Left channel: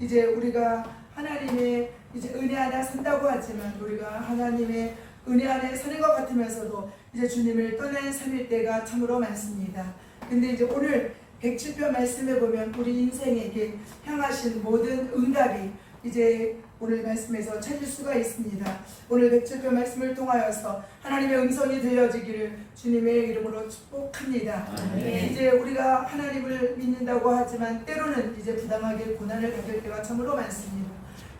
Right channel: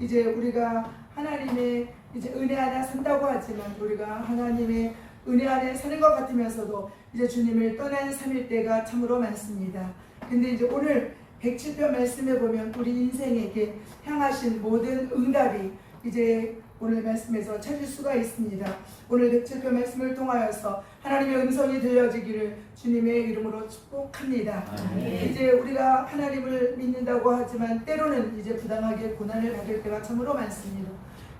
이제 우리가 하나님의 이제 은혜 안에 산다고 하지만 우리가 하나님의 은혜 안에 사는 것 같으면서도 이제 주님을 떠난 3일 때가 참으로 많습니다. 근데 이제 오늘 107편 말씀에 보면 우리 인생에게 향하신 모든 응답이 이제 오늘 말씀에서 찾을 수가 있습니다. 오늘 107편 말씀을 통하여서 하나님의 음성이 들려지기를 주님의 이름으로 축복합니다. 이제 우리가 하나님을 믿는다고 하지만 때로는 이제 부당하게 고난을 받을 때가 참으로 많습니다.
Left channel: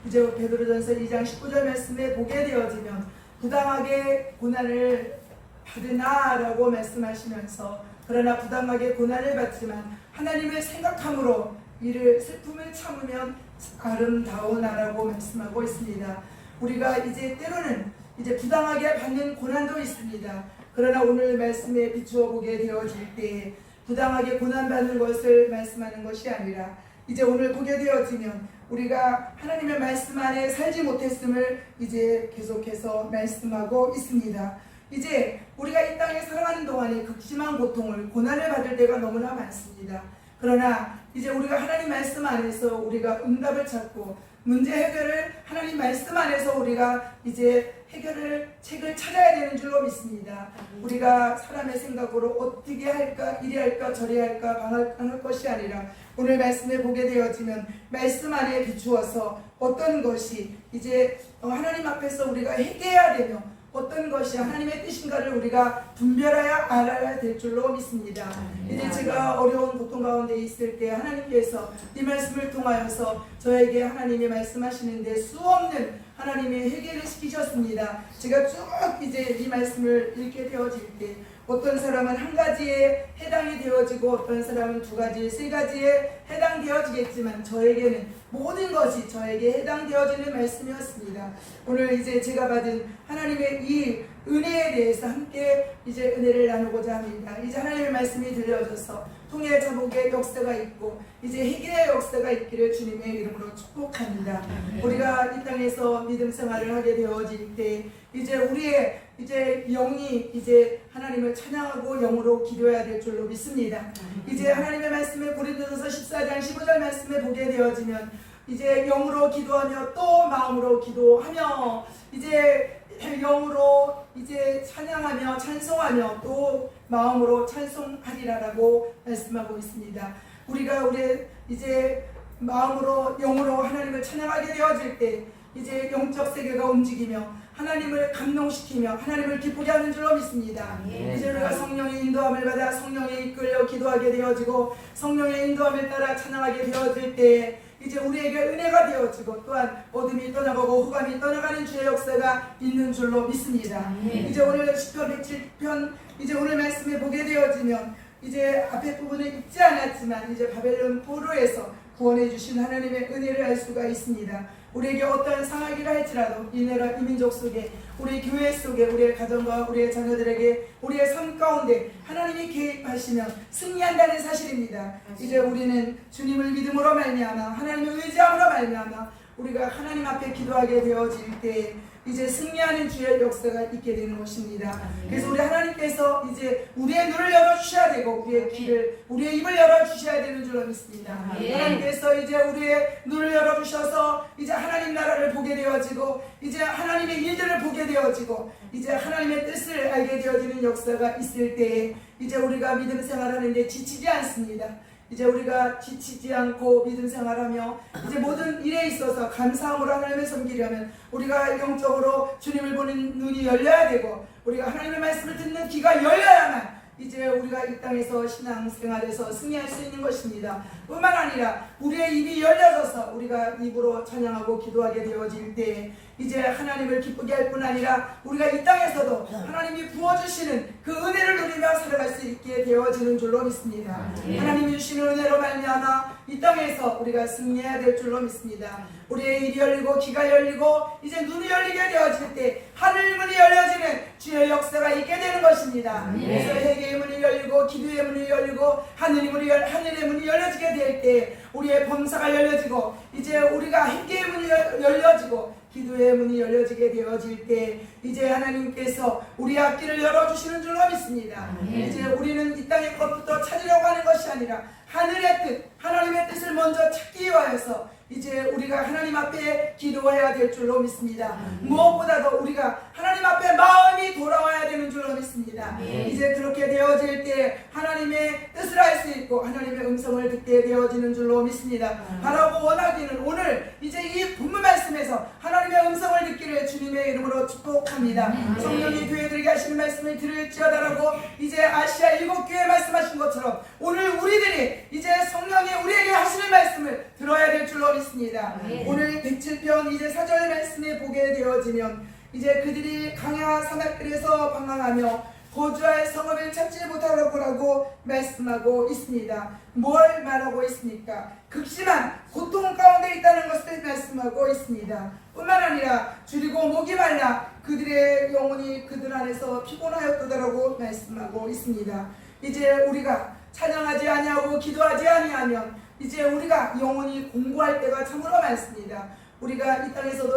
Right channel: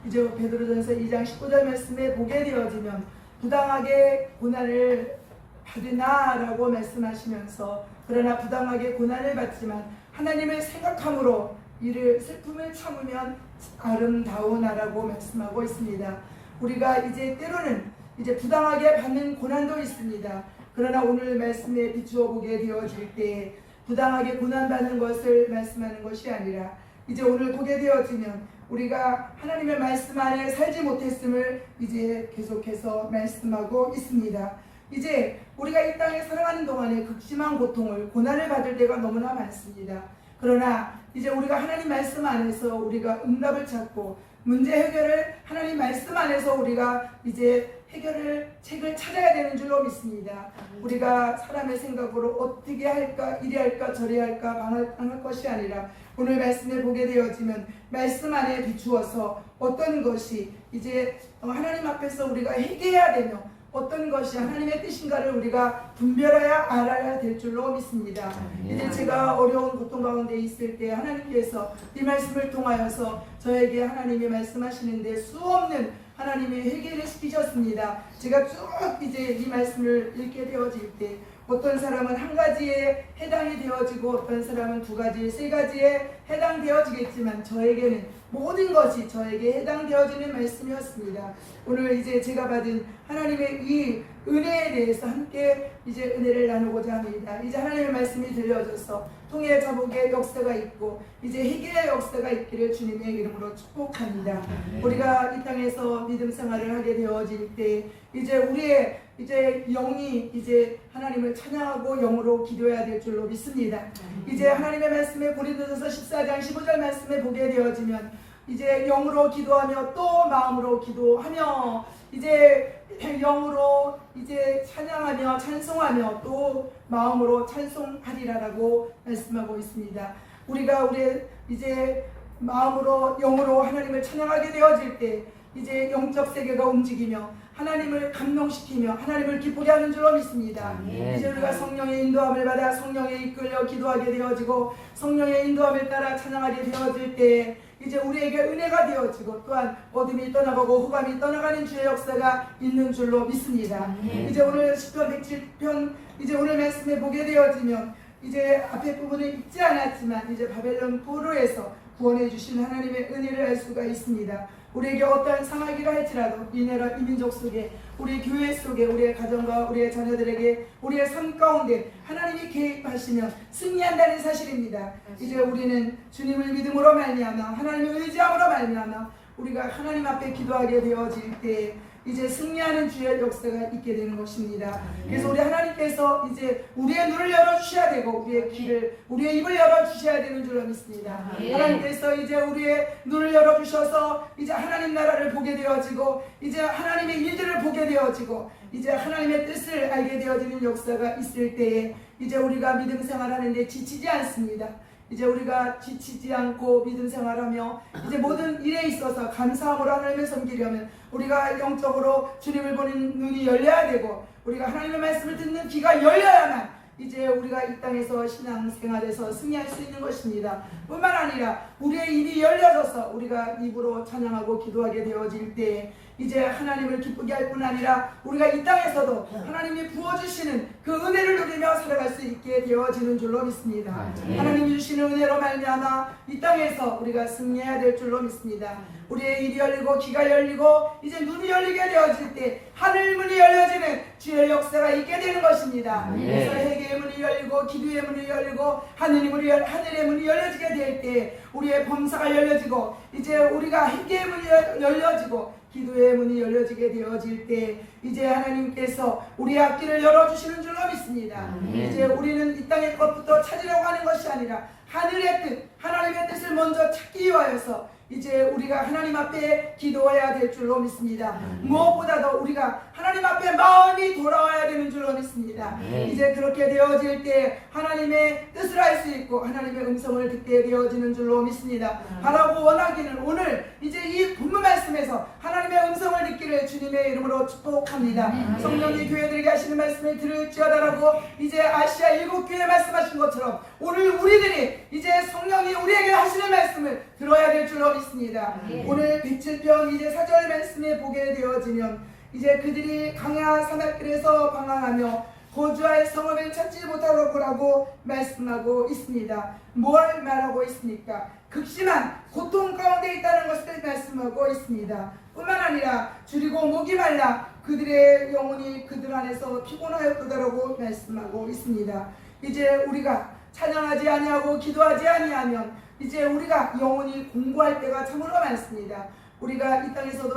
이제 베드로전서 2장 19절 말씀에 보게 되어지면 부당하게 고난을 받으나라고 말씀하시면서 그러나 부당하게 고난을 받지만 하나님을 생각함으로 이를 슬픔을 참으면 아름다우나라고 말씀하고 있습니다. 우리가 이제 때로는 이제 부당하게 받는 고난도 있습니다. 그러나 오늘 말씀에 비추어 보게 되어질 때 부당하게 고난받는 것을 말씀하는 것이 아니라 이제 오늘 보게 되어지면 우리가 하나님의 말씀 안에 살지 못했음을 이제 계속해서 말씀하고 있습니다. 이제 우리가 이 땅에 살아가는 동안에 극심한 고통을 고난을 받을 때가 너무나 많습니다. 그러나 이제 우리가 하나님 말씀 안에서 우리가 응답을 찾고 문제 해결을 하나님 말씀 안에서 우리가 이제 해결을 책을 찾아야 되는 줄로 믿습니다. 우리가 사람의 생각으로 어떻게 할까 이리 할까 저리 할까 방할 것이 아니라 오늘 말씀을 보게 되어지면 말씀 안에 비추어서 어떤 것이 이제 하나님 앞에서 우리가 회개해야 되며 어떤 것이 하나님의 뜻인가를 우리가 분별해야 알아야 될 줄로 믿습니다. 이제 제가 어려운 고통 가운데 있을 때 하나님께서 이 말씀을 통하여서 저에게 하나님이 말씀하시는데 수없는 하나님의 회개를 시키셨습니다. 제가 쭉 이제 이 말씀을 읽게 되어질 때 어떤 사람은 한 가지에 해당이 되어지고 어떤 사람은 두 가지, 세 가지에 해당되어지겠지만 저에게는 모든 것이 저에게 해당되어지는 말씀이었습니다. 오늘 이제 제가 받은 하나님의 이 은혜에 대해서 함께 이제 은혜를 나누고자 합니다. 이제 하나님의 말씀이 들려져서 통해 자복의 역사가 있고 이제 회개의 역사가 있기를 주님의 이름으로 축복합니다. 우리가 이 땅에서 믿음 생활을 하게 되어질 때 이제 우리의 이제 영이 이제 하나님을 찬양하고 영으로 기도해야 될 줄로 믿습니다. 이제 하나님의 말씀에 고린도전서 14장 15절 말씀에 보게 되어지면 이제 영으로 기도하며 또 마음으로 기도하며 이제 영으로 이제 찬양하며 찬송하며 또 마음으로 찬송하리라라고 말씀하고 있습니다. 우리가 우리 이제 마음으로 영으로 하나님을 찬양하게 되어질 때 이제 영적 세계가 움직이며 하나님을 감동시키며 하나님을 기쁘게 하는 줄로 믿습니다. 이제 우리가 성령의 인도함을 받아 성령에 이끌려 기도하게 되어지고 성령의 인도함을 따라 찬양하게 되어질 때 이제 우리에게 은혜가 되어지고 또한 어둠이 떠나가고 흑암이 떠나가는 주의 역사가 있는 줄로 믿습니다. 이제 오늘 10편 107편 이제 오늘 말씀에 보게 되어지면 이제 앞에 부분을 읽지 않았지만 이제 바벨론 포로에서 구원해 주신 하나님의 은혜를 알 수가 있습니다. 우리에게 어떠한 상하기를 할지라도 이 나라 이 민족 속에 우리 교회 속에 우리의 가정과 우리의 자녀들에게 우리의 삶 가운데 하나님이 개입하시면 승리한다는 사실입니다. 이제 우리는 주님을 믿음으로 말미암아 하나님을 의지함으로 말미암아 우리가 하나님 앞에 기도하게 되어질 때 이제 승리하는 주의 역사가 있게 되는 것입니다. 그래서 우리 하나님께서 이제 우리의 눈을 열어주셔야 되고 우리의 귀를 우리의 입을 열어주셔야 되는 줄로 믿습니다. 하나님께서 이제 우리의 눈을 열어주셔서 이제 하나님 나라를 보게 되어지고 이제 하나님의 일들을 보게 되어지고 이제 하나님의 뜻을 알게 되어지는 역사가 있을 때에 이제 우리가 믿음 생활하는데 지치지 않습니다. 이제 우리가 지치지 않고 믿음 생활하며 이제 모든 일에 있어서 감사함으로 하나님을 섬기려면 우리가 영적으로 주님을 보는 눈이 열려야 되고 우리가 하나님의 말씀을 듣는 귀가 열려야만 이제 우리가 이 땅에서 신앙생활에서 승리할 수 있는 것입니다. 뿐만 아니라 우리의 입이 열려져서 우리가 입으로 찬양하고 기도하게 되어질 때 이제 하나님을 기쁘게 할 뿐 아니라 우리가 이 땅에서도 하나님이 부어주시는 그 은혜를 누리며 살아갈 수 있게 되어지는 줄로 믿습니다. 하나님이 주시는 은혜로 말미암아 이 땅에서 우리가 승리해야 될 줄로 믿습니다. 우리의 입이 열리고 귀가 열리고 이제 눈이 열리게 되어질 때 하늘 문이 열려지는 주의 역사가 있게 되는 것입니다. 그래서 회개의 문이 열리고 기도의 문이 열리고 하늘의 문이 열려지게 될 때 우리의 범사가 열려지고 이제 우리가 회개의 문이 열려지고 기도의 문이 열려지게 되어질 때 이제 하나님께서 우리의 앞길을 열어주시는 줄로 믿습니다. 이제 우리는 이 땅의 것부터 찾으려고 하는 것이 아니라 하늘의 뜻, 하나님의 뜻을 먼저 찾기 위하여서 이제 우리가 하나님 앞에 기도해야 될 줄로 믿습니다. 무엇보다도 우리가 하나님 앞에 마음이 돌아와야 되는 줄로 믿습니다. 이제 그렇게 되어질 때 하나님의 뜻을 알 수 있고 하나님의 음성을 듣게 되어지는 줄로 믿습니다. 바라고 원하기는 오늘 이제 이 본문 말씀에서 하나님의 음성을 듣기를 주님의 이름으로 축복합니다. 성령이 교회들에게 하시는 말씀을 들을지어다라고 이제 아시아 7교회 말씀하신 것처럼 오늘 우리들이 이제 성령이 우리에게 하시는 말씀을 들어야 될 줄로 믿습니다. 오늘 107편 이제 4절 말씀에 보게 되어지면 이제 그들이 강야 사막길에서 방황하며 거주할 성읍을 찾지 못하라고 말씀하고 있습니다. 뭘 말하고 있습니까? 극심한 고통 가운데 있다는 것을 말씀하고 있습니다. 뿐만 아니라 줄이고 목이 말라 그들의 영혼이 그들 안에서 피곤하였도다라고 말씀하고 있습니다. 이제 우리가 찬양하지 아니하고 기도하지 아니하면 이제 우리가 영혼이 공고할 때가 참으로 많습니다. 우리가 이 땅에서도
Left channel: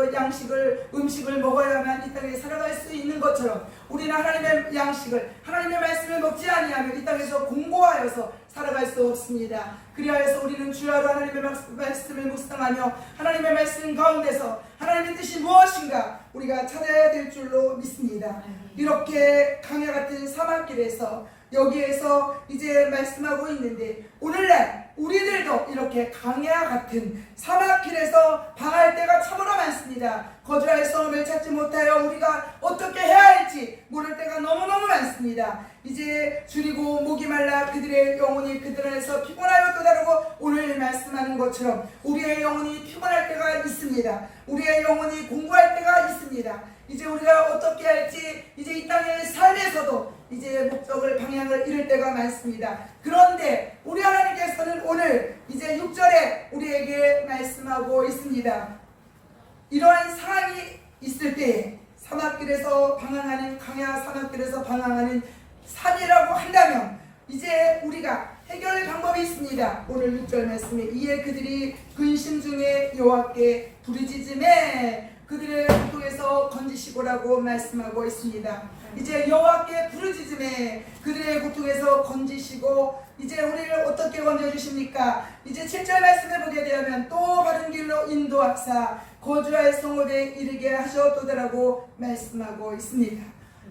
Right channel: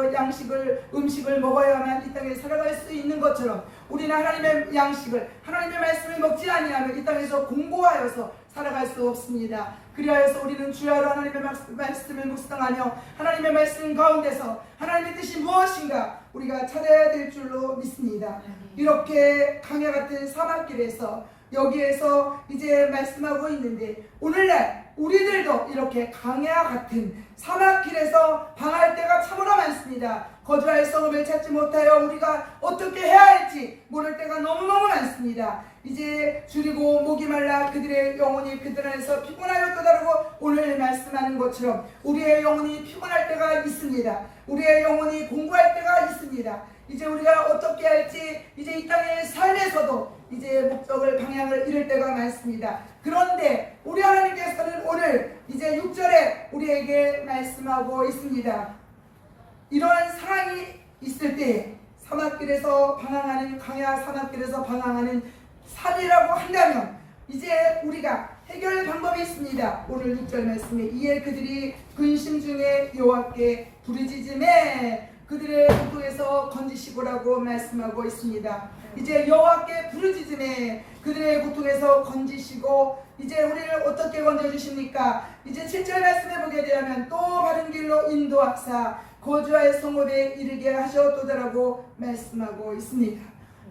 음식을 먹어야만 이 땅에 살아갈 수 있는 것처럼 우리는 하나님의 양식을 하나님의 말씀을 먹지 아니하면 이 땅에서 공고하여서 살아갈 수 없습니다. 그리하여서 우리는 주야로 하나님의 말씀을 묵상하며 하나님의 말씀 가운데서 하나님의 뜻이 무엇인가 우리가 찾아야 될 줄로 믿습니다. 이렇게 강야 같은 사막길에서 여기에서 이제 말씀하고 있는데 오늘날 우리들도 이렇게 강야 같은 사막길에서 방할 때가 참으로 많습니다. 거주할 성읍을 찾지 못하여 우리가 어떻게 해야 할지 모를 때가 너무너무 많습니다. 이제 줄이고 목이 말라 그들의 영혼이 그들 안에서 피곤하였도다라고 오늘 말씀하는 것처럼 우리의 영혼이 피곤할 때가 있습니다. 우리의 영혼이 공부할 때가 있습니다. 이제 우리가 어떻게 할지 이제 이 땅의 삶에서도 이제 목적을 방향을 잃을 때가 많습니다. 그런데 우리 하나님께서는 오늘 이제 6절에 우리에게 말씀하고 있습니다. 이러한 상황이 있을 때 사막길에서 방황하는 강야 사막길에서 방황하는 삶이라고 한다면 이제 우리가 해결 방법이 있습니다. 오늘 6절 말씀에 이에 그들이 근심 중에 여호와께 부르짖음에 그들의 고통에서 건지시고라고 말씀하고 있습니다. 이제 여호와께 부르짖음에 그들의 고통에서 건지시고 이제 우리를 어떻게 건져주십니까? 이제 7절 말씀해 보게 되면 또 바른 길로 인도하사 거주할 성읍에 이르게 하셨도다라고 말씀하고 있습니다.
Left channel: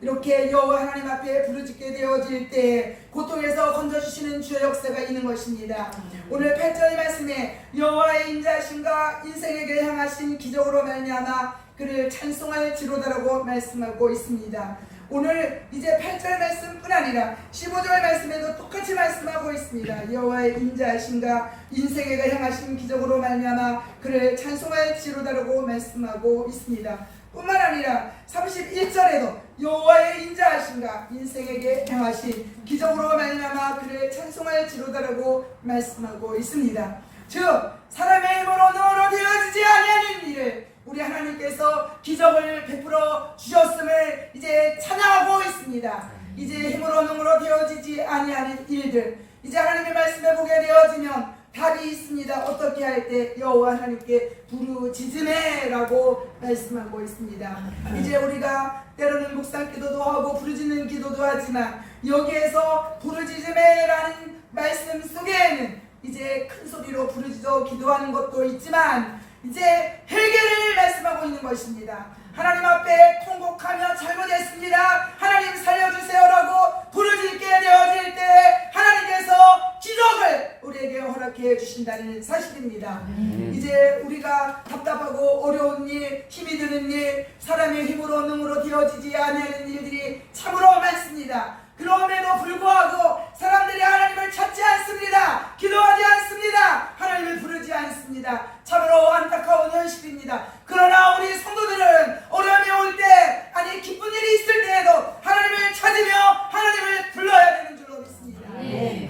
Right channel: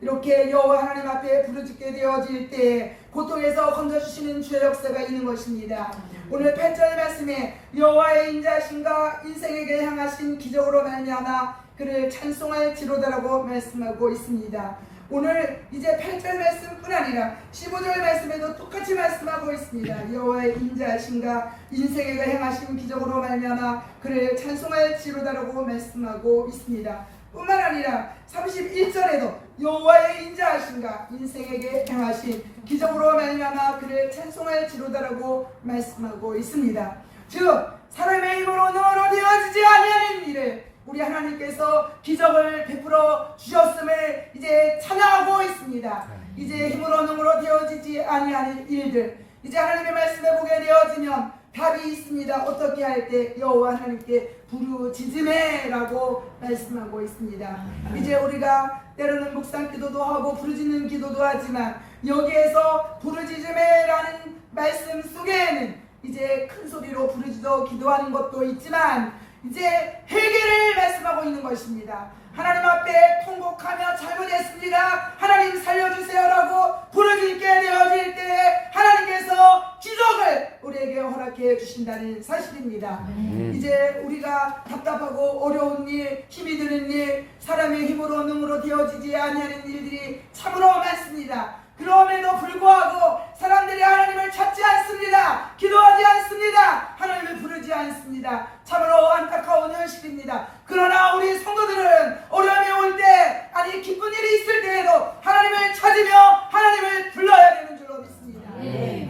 이렇게 여호와 하나님 앞에 부르짖게 되어질 때 고통에서 건져주시는 주의 역사가 있는 것입니다. 오늘 8절 말씀에 여호와의 인자하심과 인생에게 향하신 기적으로 말미암아 그를 찬송할지로다라고 말씀하고 있습니다. 오늘 이제 8절 말씀뿐 아니라 15절 말씀에도 똑같이 말씀하고 있습니다. 여호와의 인자하심과 인생에게 향하신 기적으로 말미암아 그를 찬송할지로다라고 말씀하고 있습니다. 뿐만 아니라 31절에도 여호와의 인자하심과 인생에게 행하신 기적으로 말미암아 그를 찬송할지로다라고 말씀하고 있습니다. 즉 사람의 힘으로 능으로 되어지지 아니하는 일을 우리 하나님께서 기적을 베풀어 주셨음을 이제 찬양하고 있습니다. 이제 힘으로 능으로 되어지지 아니하는 일들 이제 하나님의 말씀에 보게 되어지면 답이 있습니다. 어떻게 할 때 여호와 하나님께 부르짖음에라고 말씀하고 있습니다. 이제 우리가 때로는 묵상 기도도 하고 부르짖는 기도도 하지만 여기에서 부르짖음에라는 말씀 속에는 이제 큰 소리로 부르짖어 기도하는 것도 있지만 이제 해결을 말씀하고 있는 것입니다. 하나님 앞에 통곡하며 잘못했습니다. 하나님 살려주세요라고 부르짖게 되어질 때 하나님께서 기적을 우리에게 허락해 주신다는 사실입니다. 이제 우리가 답답하고 어려운 일, 힘이 드는 일, 사람의 힘으로 능으로 되어지지 아니하는 일들이 참으로 많습니다. 그럼에도 불구하고 사람들이 하나님을 찾지 않습니다. 기도하지 않습니다. 하나님을 부르지 않습니다. 참으로 안타까운 현실입니다. 그러나 우리 성도들은 어려움이 올 때, 아니 기쁜 일이 있을 때에도 하나님을 찾으며 하나님을 불러야 되는 줄로 믿습니다.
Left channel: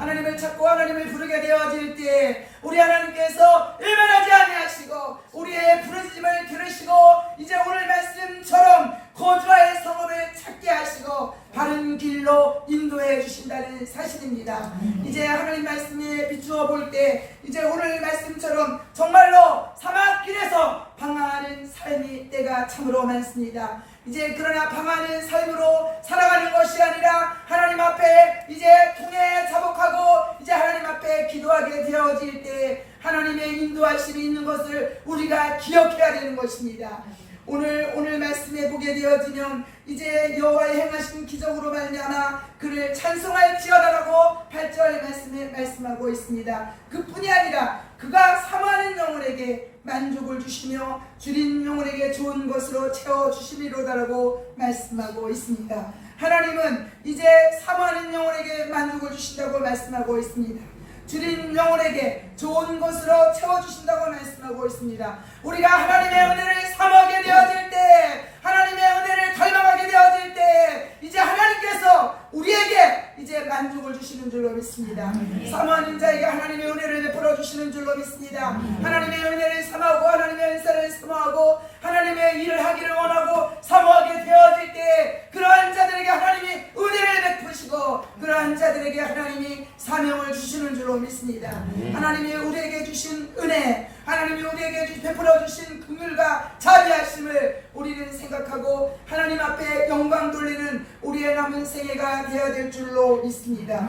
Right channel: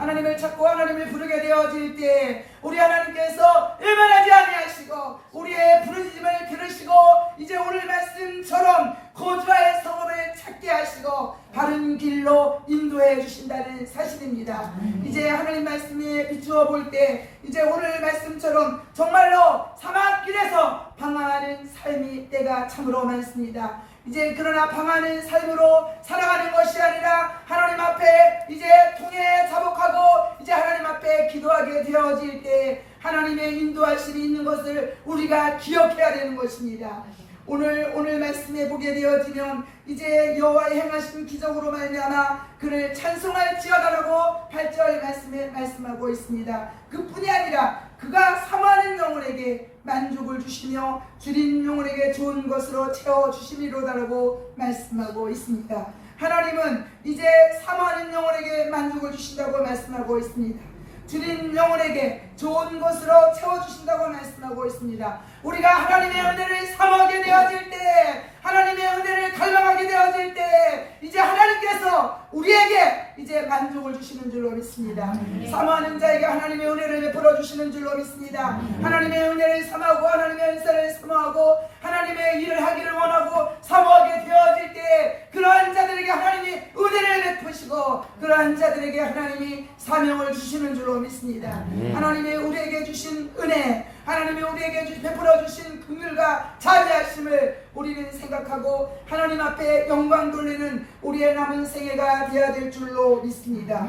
하나님을 찾고 하나님을 부르게 되어질 때 우리 하나님께서 일만하지 아니하시고 우리의 부르짖음을 들으시고 이제 오늘 말씀처럼 거주할 성읍을 찾게 하시고 바른 길로 인도해 주신다는 사실입니다. 이제 하나님 말씀에 비추어 볼 때 이제 오늘 말씀처럼 정말로 사막길에서 방황하는 삶이 때가 때가 참으로 많습니다. 이제 그러나 방하는 삶으로 살아가는 것이 아니라 하나님 앞에 이제 통해 자복하고 이제 하나님 앞에 기도하게 되어질 때 하나님의 인도하심이 있는 것을 우리가 기억해야 되는 것입니다. 오늘 말씀에 보게 되어지면 이제 여호와의 행하신 기적으로 말미암아 그를 찬송할지어다라고 8절 말씀에 말씀하고 있습니다. 그뿐이 아니라 그가 사모하는 영혼에게 만족을 주시며 줄인 영혼에게 좋은 것으로 채워주시리로다라고 말씀하고 있습니다. 하나님은 이제 사모하는 영혼에게 만족을 주신다고 말씀하고 있습니다. 줄인 영혼에게 좋은 것으로 채워주신다고 말씀하고 있습니다. 우리가 하나님의 은혜를 사모하게 되어질 때, 하나님의 은혜를 갈망하게 되어질 때 이제 하나님께서 우리에게 이제 만족을 주시는 줄로 믿습니다. 사모하는 자에게 하나님의 은혜를 베풀어 주시는 줄로 믿습니다. 하나님의 은혜를 사모하고 하나님의 은사를 사모하고 하나님의 일을 하기를 원하고 사모하게 되어질 때 그러한 자들에게 하나님이 은혜를 베푸시고 그러한 자들에게 하나님이 사명을 주시는 줄로 믿습니다. 하나님이 우리에게 주신 은혜, 하나님이 우리에게 베풀어 주신 긍휼과 자비하심을 우리는 생각하고 하나님 앞에 영광 돌리는 우리의 남은 생애가 되어야 될 줄로 믿습니다.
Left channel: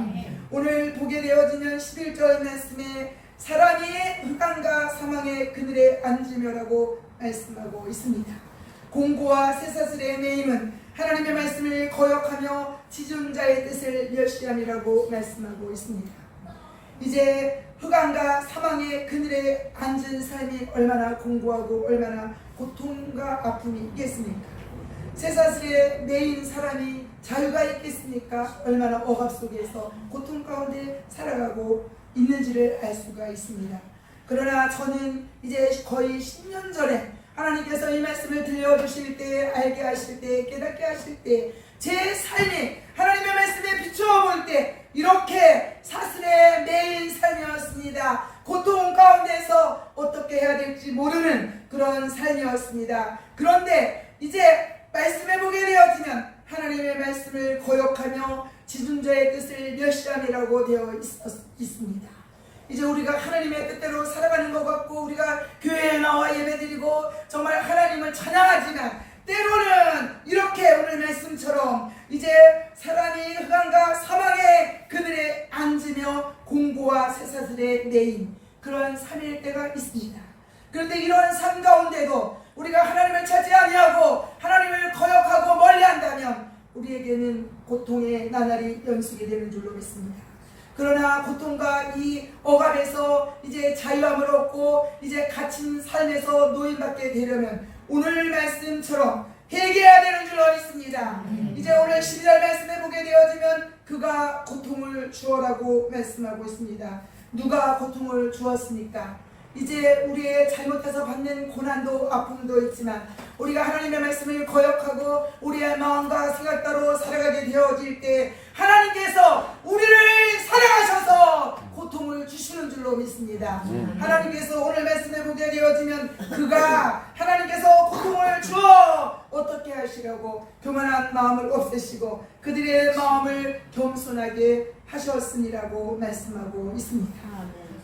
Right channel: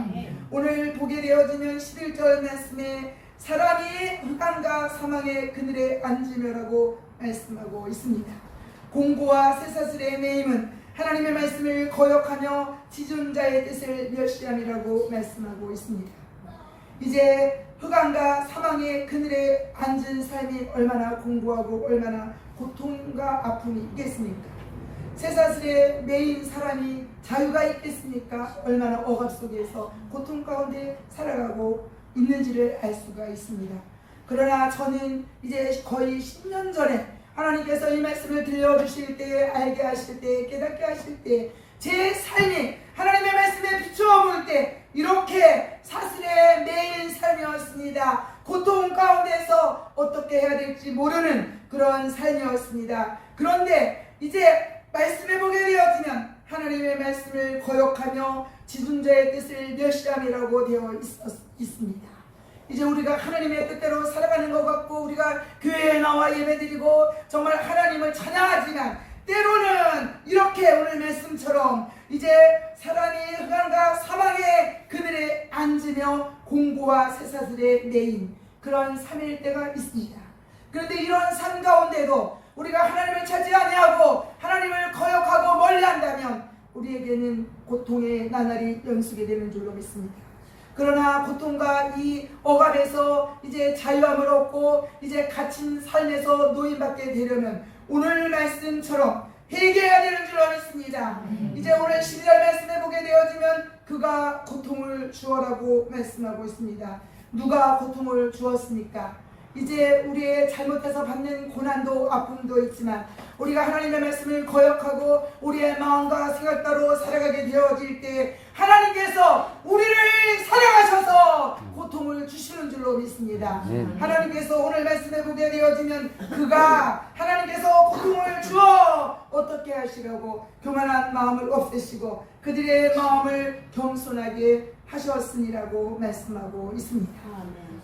오늘 보게 되어지는 11절 말씀에 사람이 흑암과 사망의 그늘에 앉으며라고 말씀하고 있습니다. 공고와 쇠사슬의 매임은 하나님의 말씀을 거역하며 지존자의 뜻을 멸시함이라고 말씀하고 있습니다. 이제 흑암과 사망의 그늘에 앉은 삶이 얼마나 공고하고 얼마나 고통과 아픔이 있겠습니까? 쇠사슬에 매인 사람이 자유가 있겠습니까? 얼마나 억압 속에서 고통 가운데 살아가고 있는지를 알 수가 있습니다. 그러나 저는 이제 거의 10년 전에 하나님께서 이 말씀을 들려주실 때, 알게 하실 때, 깨닫게 하실 때 제 삶이 하나님의 말씀에 비추어 볼 때 이렇게 사슬에 매인 삶이었습니다. 고통 가운데서 어떻게 해야 될지 모르는 그런 삶이었습니다. 그런데 이제 말씀해 보게 되어지면 하나님의 말씀을 거역하며 지존자의 뜻을 멸시함이라고 되어 있습니다. 이제 우리가 하나님의 뜻대로 살아가는 것 같고 우리가 교회에 나와 예배드리고 정말 하나님을 찬양하지만 때로는 이렇게 오늘 말씀처럼 이제 사람이 흑암과 사망의 그늘에 앉으며 공고와 쇠사슬에 매인 그런 삶일 때가 있습니다. 그런데 이런 삶 가운데도 우리가 하나님을 찾지 아니하고 하나님을 거역하고 멀리한다면 우리에게는 고통의 나날이 연수게 되는 줄로 믿습니다. 그러나 고통과 이 억압에서 이제 자유함을 얻고 이제 갇힌 삶에서 노인받게 되려면 오늘 말씀처럼 회개해야 되는 줄로 믿습니다. 이제 오늘 12절 말씀해 보게 되어지면 그가 고통을 주어라고 말씀하고 있습니다. 누가 고통을 주었습니까? 이제 우리의 잘못해서 받는 고난도 아픔도 있지만 우리가 하나님의 말씀을 거역하고 우리의 마음과 생각대로 살아가게 되어질 때 하나님께서 우리를 사랑하셔서 고통을 주시는 줄로 믿습니다. 하나님께서 오늘 말씀해 보게 되어지면 그가 하나님께서 고통을 주어 어떻게 하시려고 교만한 마음을 없애시고 그들의 마음을 겸손하게 하셨으니라고 말씀하고 있습니다.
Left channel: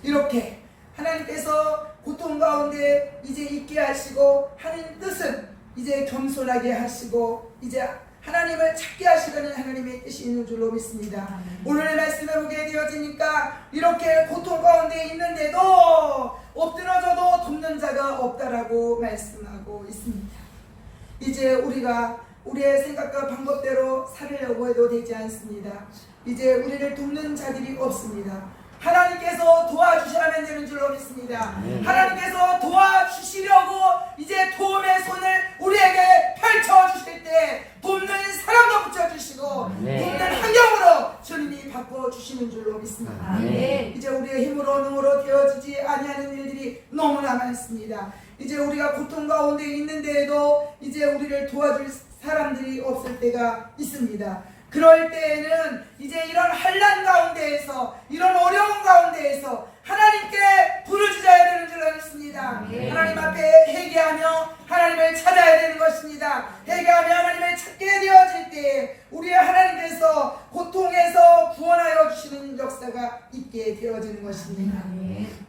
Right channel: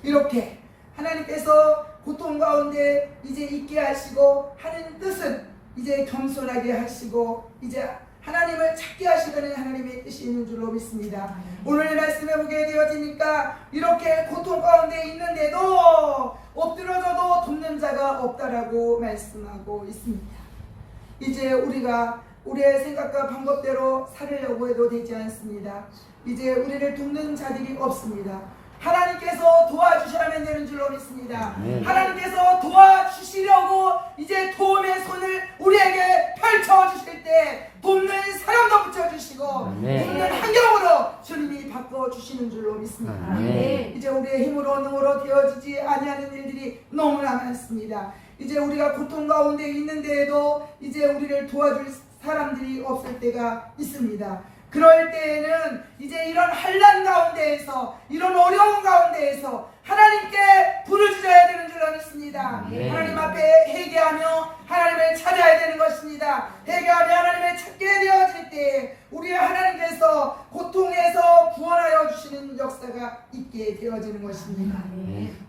이렇게 하나님께서 고통 가운데 이제 있게 하시고 하는 뜻은 이제 겸손하게 하시고 이제 하나님을 찾게 하시려는 하나님의 뜻이 있는 줄로 믿습니다. 오늘 말씀해 보게 되어지니까 이렇게 고통 가운데 있는데도 엎드려져도 돕는 자가 없다라고 말씀하고 있습니다. 이제 우리가 우리의 생각과 방법대로 살으려고 해도 되지 않습니다. 이제 우리를 돕는 자들이 없습니다. 하나님께서 도와주셔야만 되는 줄로 믿습니다. 하나님께서 도와주시려고 이제 도움의 손을 우리에게 펼쳐주실 때 돕는 사람도 붙여주시고 돕는 환경으로 주님이 바꿔주시는 줄로 믿습니다. 이제 우리의 힘으로 능으로 되어지지 아니하는 일들이 너무나 많습니다. 이제 우리가 고통 가운데 있는데도 이제 우리를 도와줄 사람들이 없을 때가 있습니다. 그럴 때에는 이제 이런 환난 가운데에서 이런 어려운 가운데에서 하나님께 부르짖어야 되는 줄 믿습니다. 하나님 앞에 회개하며 하나님을 찾아야 되는 것입니다. 회개하며 하나님을 찾게 되어질 때 우리의 하나님께서 고통에서 구원하여 주시는 역사가 있게 되어지는 것입니다.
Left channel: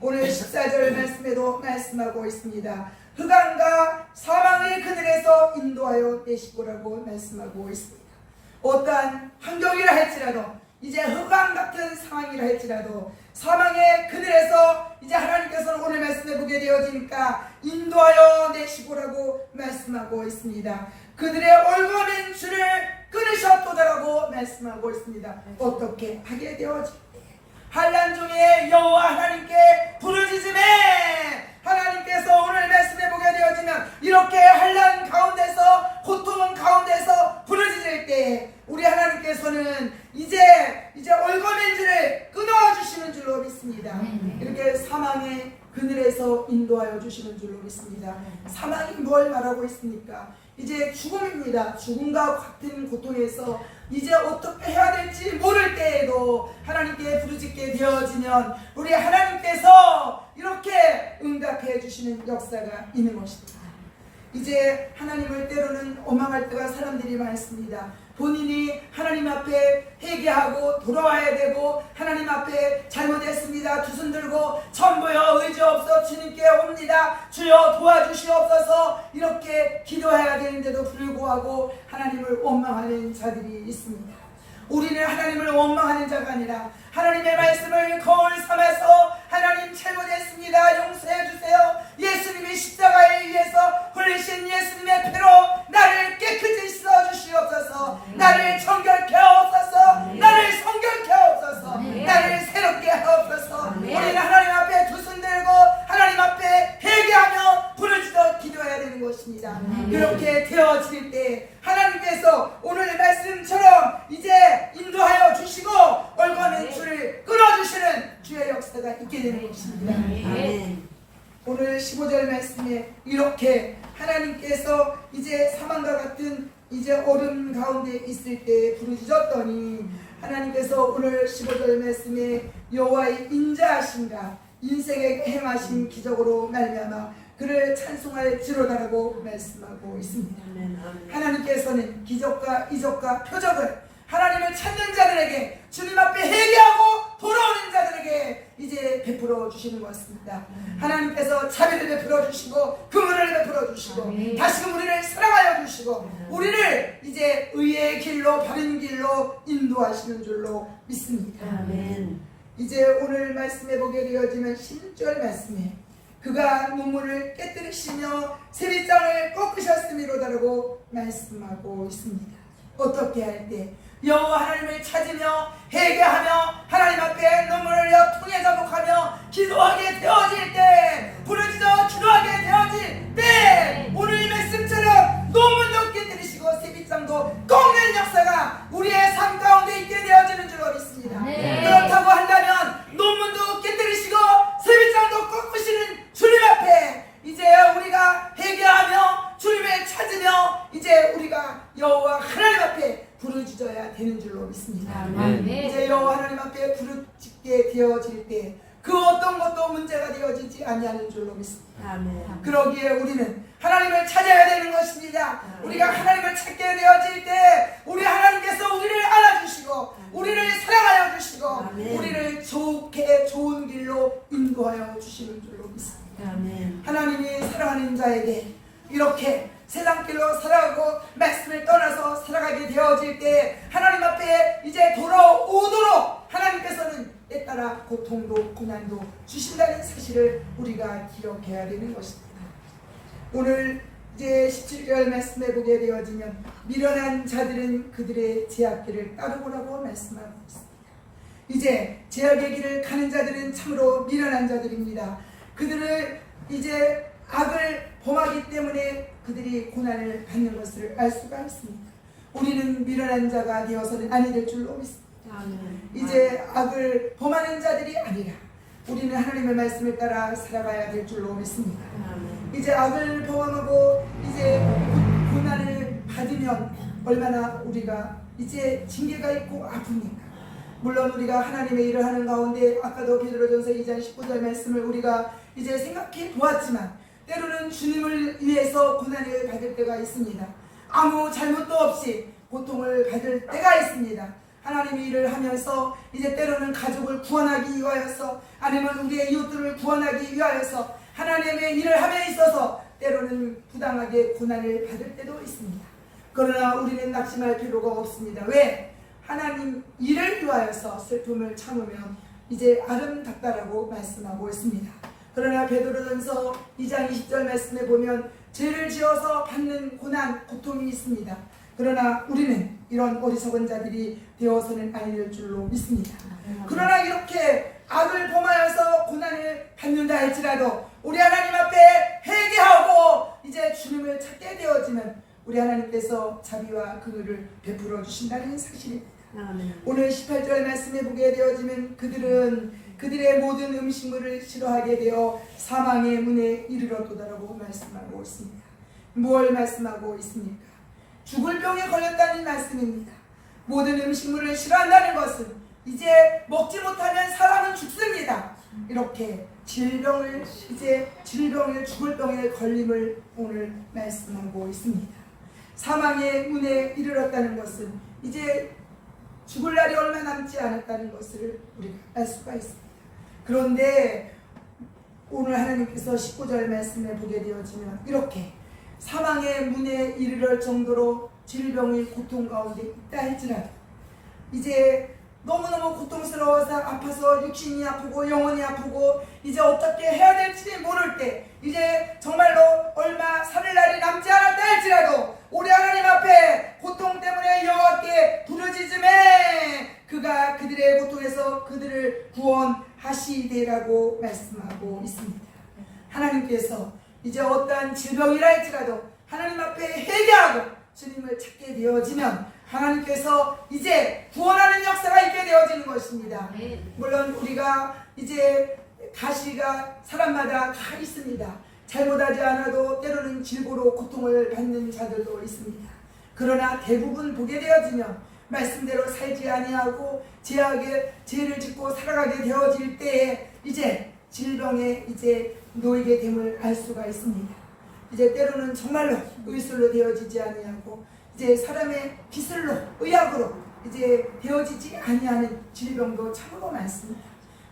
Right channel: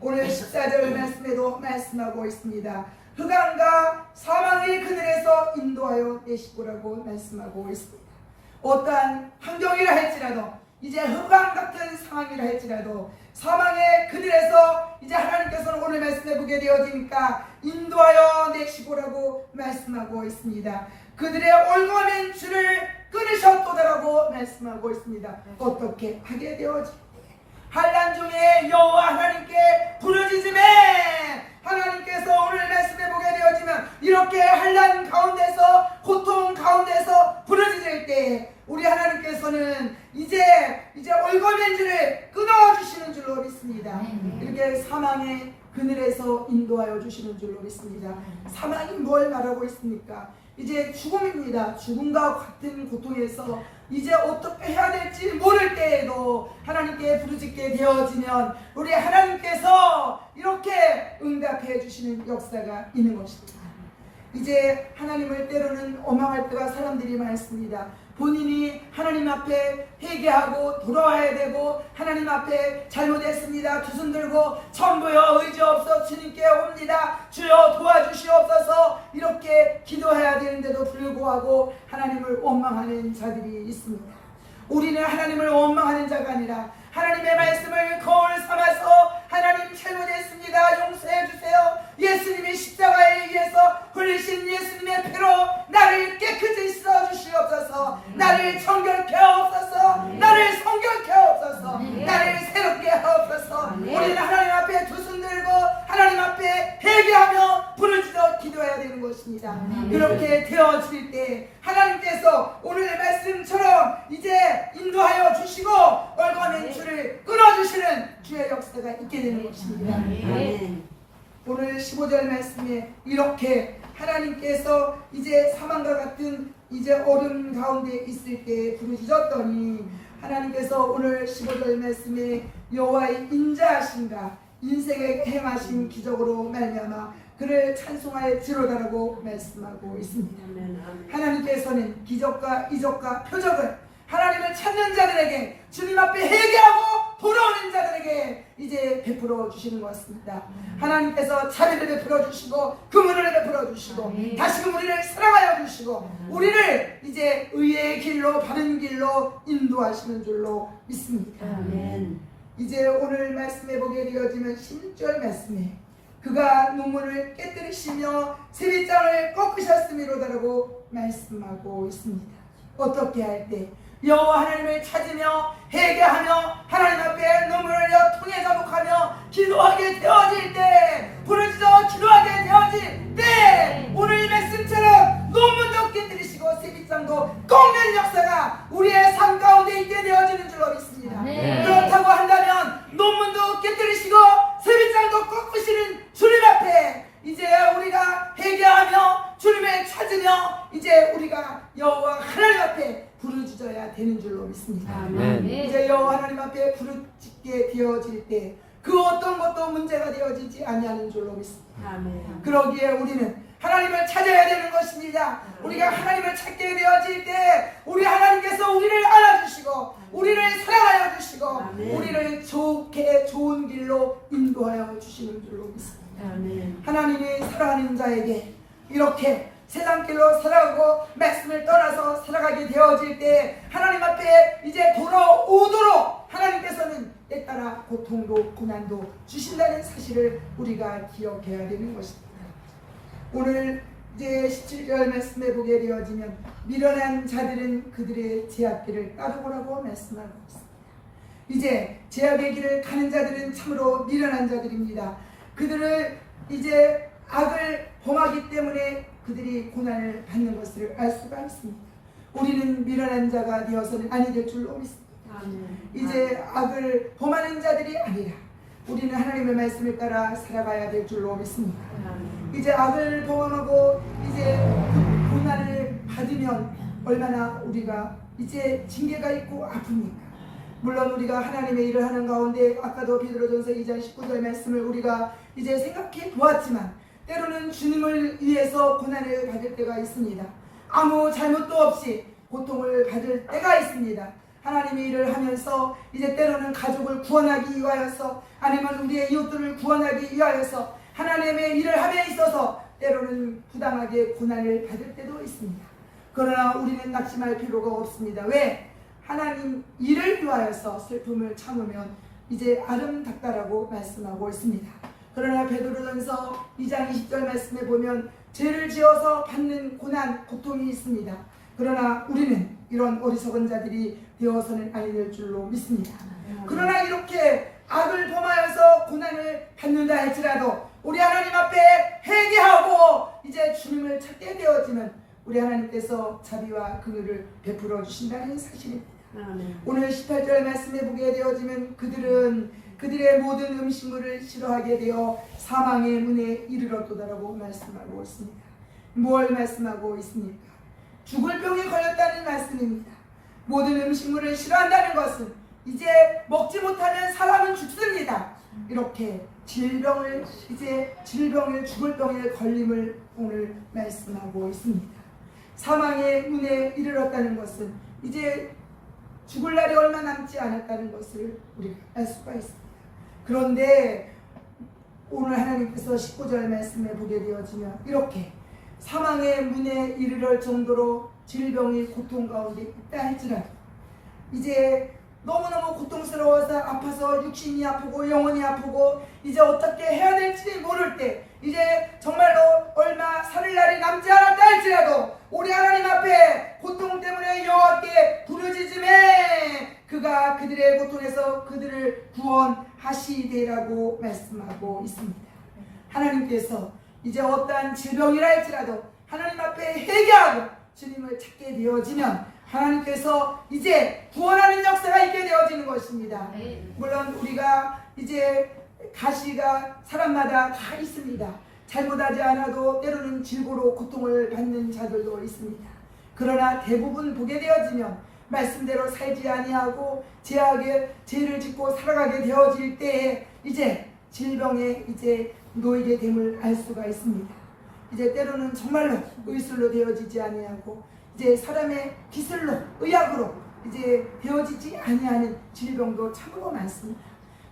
오늘 14절 말씀에도 말씀하고 있습니다. 흑암과 사망의 그늘에서 인도하여 내시고라고 말씀하고 있습니다. 어떠한 환경이라 할지라도, 이제 흑암 같은 상황이라 할지라도, 사망의 그늘에서 이제 하나님께서는 오늘 말씀해 보게 되어지니까 인도하여 내시고라고 말씀하고 있습니다. 그들의 올거맨 줄을 끊으셨도다라고 말씀하고 있습니다. 어떻게 하게 되어질때 환난 중에 여호와 하나님께 부르짖음에 하나님께서 오늘 말씀해 보게 되어지면 이렇게 환난 가운데서, 고통 가운데서 부르짖을 때 우리 하나님께서는 이제 올거맨 줄을 끊어주시는 줄로 믿습니다. 이렇게 사망의 그늘에서 인도하여 주시는 줄로 믿습니다. 사망이 뭘 말하고 있습니까? 이제 죽음입니다. 죽음과 같은 고통에서 이제 어떻게 해야 될지 모를 때에도 하나님께 부르짖게 되어지면 우리 하나님께서 이렇게 응답해 주시는 역사가 있는 것입니다. 이제 하나님을 때로는 원망할 때가 사람들이 많습니다. 본인이 하나님 앞에 회개하고 돌아와야 되고, 하나님 앞에 잘못했습니다, 두 손 들고 전부여 의지 없어 주님께 옵니다, 주여 도와주시옵소서 이렇게 기도해야 되는데도 불구하고 하나님을 원망하는 자들이 있습니다. 우리는 하나님을 원망하는 자가 아니라 하나님의 말씀을 거울 삼아서 하나님 잘못했습니다, 용서해 주세요, 예수님이 십자가에 의해서 흘리신 예수님의 피로 나를 깨끗이 씻어 주시옵소서, 나를 정결케 하옵소서, 나를 성결케 하옵소서, 나를 새롭게 하옵소서. 우리는 하나님 앞에 두 손 들고 하나님 앞에 회개하며 부르짖어 기도해야 되는 것입니다. 그렇게 되어질 때 하나님께서 오늘 말씀처럼 이제 인도하여 주시고 올거맨 줄을 끊어주시는 주의 역사가 있게 되는 것입니다. 오늘 15절 말씀에 이렇게 하나님께서 이제 사망과 같은 이제 얼음 가운데 있을 때 부르짖었더니 하나님께서 오늘 15절 말씀에 여호와의 인자하신가 인생에 행하신 기적으로 말미암아 그를 찬송할지로다라고 말씀하고 있습니다. 하나님께서는 기적과 이적과 표적을 하나님을 찾는 자들에게, 주님 앞에 회개하고 돌아오는 자들에게 이제 베풀어 주시는 것입니다. 하나님께서 자비를 베풀어 주시고 긍휼을 베풀어 주시고 다시금 우리를 사랑하여 주시고 우리를 이제 의의 길로, 바른 길로 인도하시는 줄로 믿습니다. 이제 오늘 말씀해 보게 되어지면 16절 말씀에 그가 눈물을 깨뜨리시며 세리장을 꺾으셨음이로다라고 말씀하고 있습니다. 어떻게 할 때? 여호와 하나님을 찾으며 회개하며 하나님 앞에 눈물을 흘려 통해 자복하며 기도하게 되어질 때, 부르짖어 기도하게 되어질 때 오늘 이 말씀처럼 논문도 깨뜨리시고 세빛장도 꺾는 역사가 우리의 삶 가운데 있게 되어지는 줄로 믿습니다. 그렇다고 한다면 논문도 깨뜨리시고 세빛장도 꺾으시는 주님 앞에 이제 우리가 회개하며 주님을 찾으며 이제 우리가 여호와 하나님 앞에 부르짖어야 되는 줄로 믿습니다. 이제 여호와 하나님 앞에 부르짖게 되어질 때 그 어떤 것도 문제가 되어지지 아니하는 줄로 믿습니다. 그러기에 우리는 하나님을 찾아야 되는 것입니다. 우리가 하나님을 찾게 되어질 때 우리 하나님께서 우리를 안아주시고 우리를 사랑하여 주시고 우리를 좋은 길로 인도하여 주시는 줄로 믿습니다. 하나님이 사랑하는 자에게 이렇게 세상길로 살아가고 말씀을 떠나서 살아가게 되어질 때 하나님 앞에 이제 돌아오도록 하나님께서는 때따라 고통도 고난도 주신다는 사실을 우리가 기억해야 되는 것입니다. 오늘 이제 17절 말씀해 보게 되어지면 미련한 자들은 그들의 제약길을 따르고라고 말씀하고 있습니다. 이제 제약의 길을 가는 자들은 참으로 미련한 자들입니다. 그들을 이제 악을 범하기 때문에 그들이 고난을 받는 것을 알 수가 있습니다. 우리는 미련한 자가 되어서는 아니 될 줄로 믿습니다. 이제 악을 범하는 자들이 아니라 우리는 하나님의 말씀을 따라 살아가야 될 줄로 믿습니다. 이제 악을 범하고 이제 고난을 받으면 얼마나 우리가 이제 징계가 있고 아픕니까? 물론 우리가 하나님의 일을 하는 가운데 아까도 베드로전서 2장 19절 말씀을 우리가 이제 생각해 보았지만 때로는 주님을 위해서 고난을 받을 때가 있습니다. 아무 잘못도 없이 고통을 받을 때가 있습니다. 하나님의 일을 하면서 이제 때로는 가족을 구원하기 위하여서 아니면 우리의 이웃들을 구원하기 위하여서 하나님의 일을 함에 있어서 때로는 부당하게 고난을 받을 때도 있습니다. 그러나 우리는 낙심할 필요가 없습니다. 왜? 하나님 일을 위하여서 슬픔을 참으면 이제 아름답다라고 말씀하고 있습니다. 그러나 베드로전서 2장 20절 말씀에 보면 죄를 지어서 받는 고난, 고통이 있습니다. 그러나 우리는 이런 어리석은 자들이 되어서는 아니 될 줄로 믿습니다. 그러나 이렇게 악을 범하여서 고난을 받는다 할지라도 우리 하나님 앞에 회개하고 이제 주님을 찾게 되어지면 우리 하나님께서 자비와 긍휼을 베풀어 주신다는 사실입니다. 오늘 18절 말씀에 보게 되어지면 그들은 그들의 모든 음식물을 싫어하게 되어 사망의 문에 이르렀도다라고 말씀하고 있습니다. 무엇을 말씀하고 있습니까? 죽을 병에 걸렸다는 말씀입니다. 모든 음식물을 싫어한다는 것은 이제 먹지 못하면 사람은 죽습니다. 이렇게 질병을 죽을 병에 걸림을 오늘 말씀하고 있습니다. 사망의 문에 이르렀다는 것은 이제 죽을 날이 얼마 남지 않았다는 것을 우리가 알 수가 있습니다. 그런데 오늘 하나님께서 19절 말씀에 보게 되어지면 이렇게 사망의 문에 이르를 정도로 질병이 고통 가운데 있다 할지라도 이제 너무너무 고통스러워서 아파서 육신이 아프고 영혼이 아프고 이제 어떻게 해야 될지 모를 때 이제 정말로 얼마 살 날이 남지 않았다 할지라도 우리 하나님 앞에 고통 때문에 여호와께 부르짖음에 그가 그들의 고통에서 그들을 구원하시리라고 말씀하고 있습니다. 하나님께서 이제 어떠한 질병이라 할지라도 하나님 앞에 회개하고 주님을 찾게 되어지면 하나님께서 이제 구원하는 역사가 있게 되어지는 것입니다. 물론 우리가 이제 가시가 사람마다 다 있습니다. 잘못하지 않아도 때로는 질고로 고통을 받는 자들도 있습니다. 그러나 대부분 보게 되어지면 말씀대로 살지 아니하고 죄를 짓고 살아가게 되어질 때에 이제 질병에 이제 놓이게 됨을 알 수가 있습니다. 이제 때로는 정말로 의술로 되어지지 아니하고 이제 사람의 기술로 의학으로 이제 되어지지 아니하는 질병도 참으로 많습니다.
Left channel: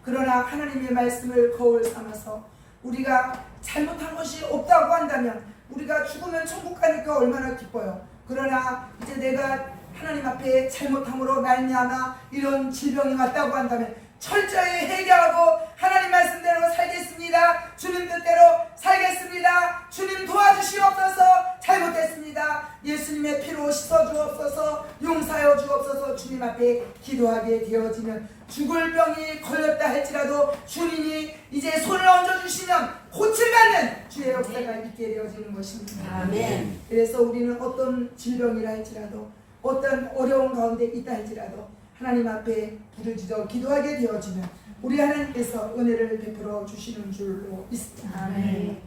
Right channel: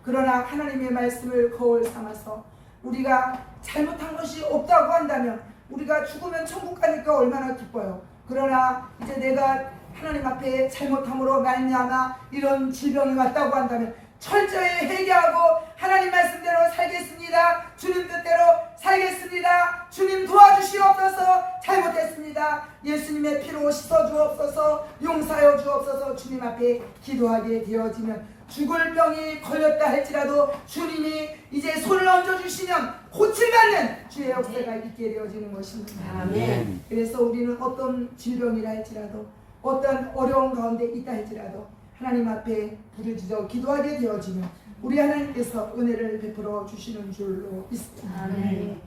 그러나 하나님의 말씀을 거울 삼아서 우리가 잘못한 것이 없다고 한다면 우리가 죽으면 천국 가니까 얼마나 기뻐요. 그러나 이제 내가 하나님 앞에 잘못함으로 말미암아 이런 질병이 왔다고 한다면 철저히 회개하고 하나님 말씀대로 살겠습니다. 주님 뜻대로 살겠습니다. 주님 도와주시옵소서. 잘못했습니다. 예수님의 피로 씻어주옵소서. 용서하여 주옵소서. 주님 앞에 기도하게 되어지면 죽을 병이 걸렸다 할지라도 주님이 이제 손을 얹어주시면 고침받는 주의 역사가 있게 되어지는 것입니다. 아멘. 그래서 우리는 어떤 질병이라 할지라도 어떤 어려운 가운데 있다 할지라도 하나님 앞에 부르짖어 기도하게 되어지면 우리 하나님께서 은혜를 베풀어 주시는 줄로 믿습니다. 아멘.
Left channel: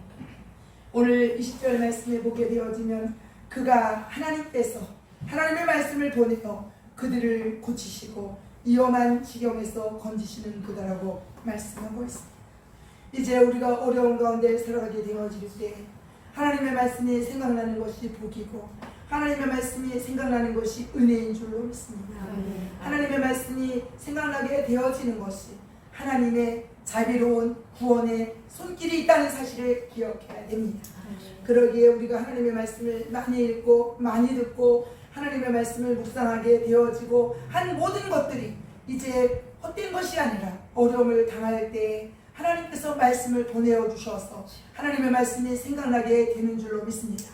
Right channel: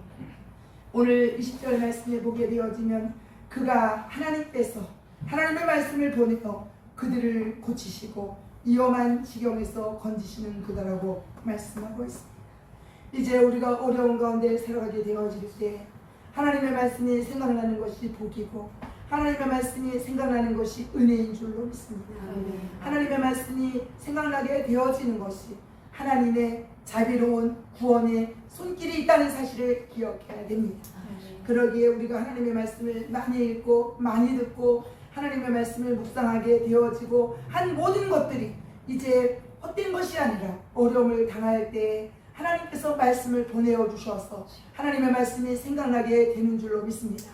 오늘 20절 말씀에 보게 되어지면 그가 하나님께서 하나님의 말씀을 보내어 그들을 고치시고 위험한 지경에서 건지시는 그다라고 말씀하고 있습니다. 이제 우리가 어려운 가운데 살아가게 되어질 때 하나님의 말씀이 생각나는 것이 복이고 하나님의 말씀이 생각나는 것이 은혜인 줄로 믿습니다. 하나님의 말씀이 생각나게 되어지는 것이 하나님의 자비로운 구원의 손길이 있다는 사실을 기억해야 됩니다. 그러기에 우리가 하나님의 말씀을 많이 읽고 많이 듣고 하나님의 말씀을 묵상하게 되어지고 한 모든 것들이 이제 헛된 것이 아니라 어려움을 당할 때 하나님께서 말씀을 보내어 주셔서 하나님의 말씀이 생각나게 되는 줄로 믿습니다.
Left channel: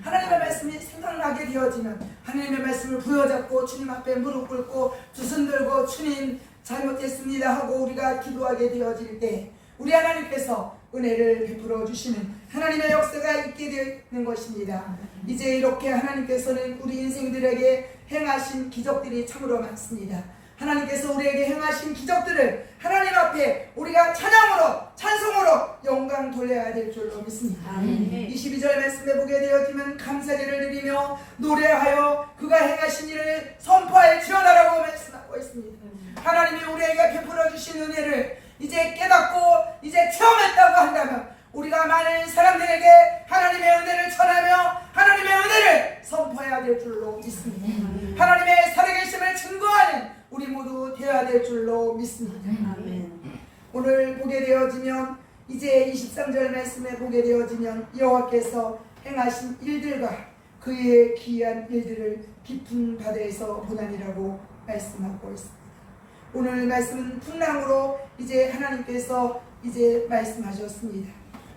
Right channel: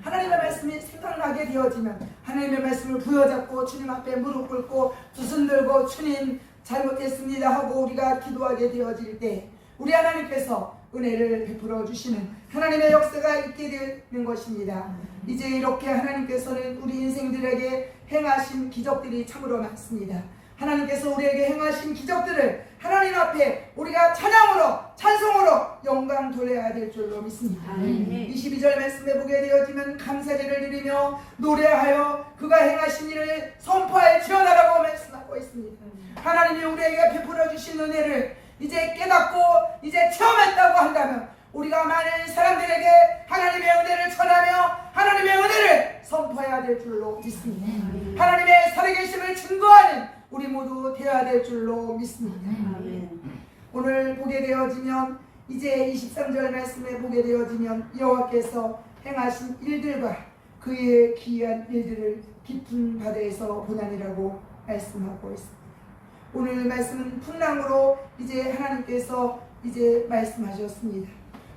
하나님의 말씀이 생각나게 되어지면 하나님의 말씀을 부여잡고 주님 앞에 무릎 꿇고 두 손 들고 주님 잘못했습니다 하고 우리가 기도하게 되어질 때 우리 하나님께서 은혜를 베풀어 주시는 하나님의 역사가 있게 되는 것입니다. 이제 이렇게 하나님께서는 우리 인생들에게 행하신 기적들이 참으로 많습니다. 하나님께서 우리에게 행하신 기적들을 하나님 앞에 우리가 찬양으로 찬송으로 영광 돌려야 될 줄로 믿습니다. 22절 말씀에 보게 되어지면 감사제를 드리며 노래하여 그가 행하신 일을 선포할지어다라고 말씀하고 있습니다. 하나님이 우리에게 베풀어 주신 은혜를 이제 깨닫고 이제 체험했다고 한다면 우리가 많은 사람들에게 하나님의 은혜를 전하며 하나님의 은혜를 선포해야 될 줄로 믿습니다. 하나님의 살아계심을 증거하는 우리 모두 되어야 될 줄로 믿습니다. 오늘 보게 되어지면 이제 23절 말씀에 보게 되어지면 여호와께서 행하신 일들과 그의 기이한 일들을 깊은 바다에서 보나니라고 말씀하고 있습니다. 오늘 말씀은 풍랑으로 이제 하나님께서 이제 말씀하셨습니다.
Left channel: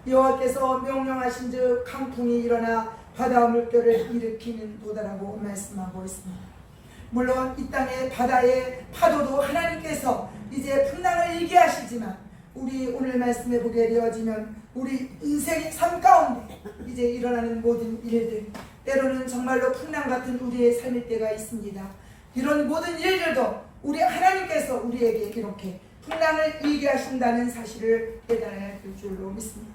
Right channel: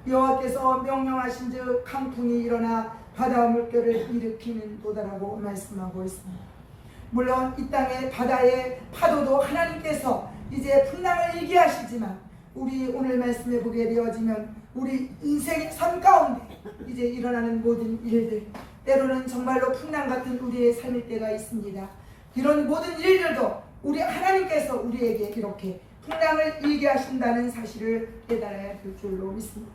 여호와께서 명령하신즉 강풍이 일어나 바다 물결을 일으키는 도다라고 말씀하고 있습니다. 물론 이 땅의 바다의 파도도 하나님께서 이제 풍랑을 일게 하시지만 우리 오늘 말씀에 보게 되어지면 우리 인생의 삶 가운데 이제 일어나는 모든 일들, 때로는 정말로 풍랑 같은 우리의 삶일 때가 있습니다. 이런 모든 일들도 우리 하나님께서 우리에게 이렇게 풍랑을 일게 하신다는 사실을 깨달아야 될 줄로 믿습니다.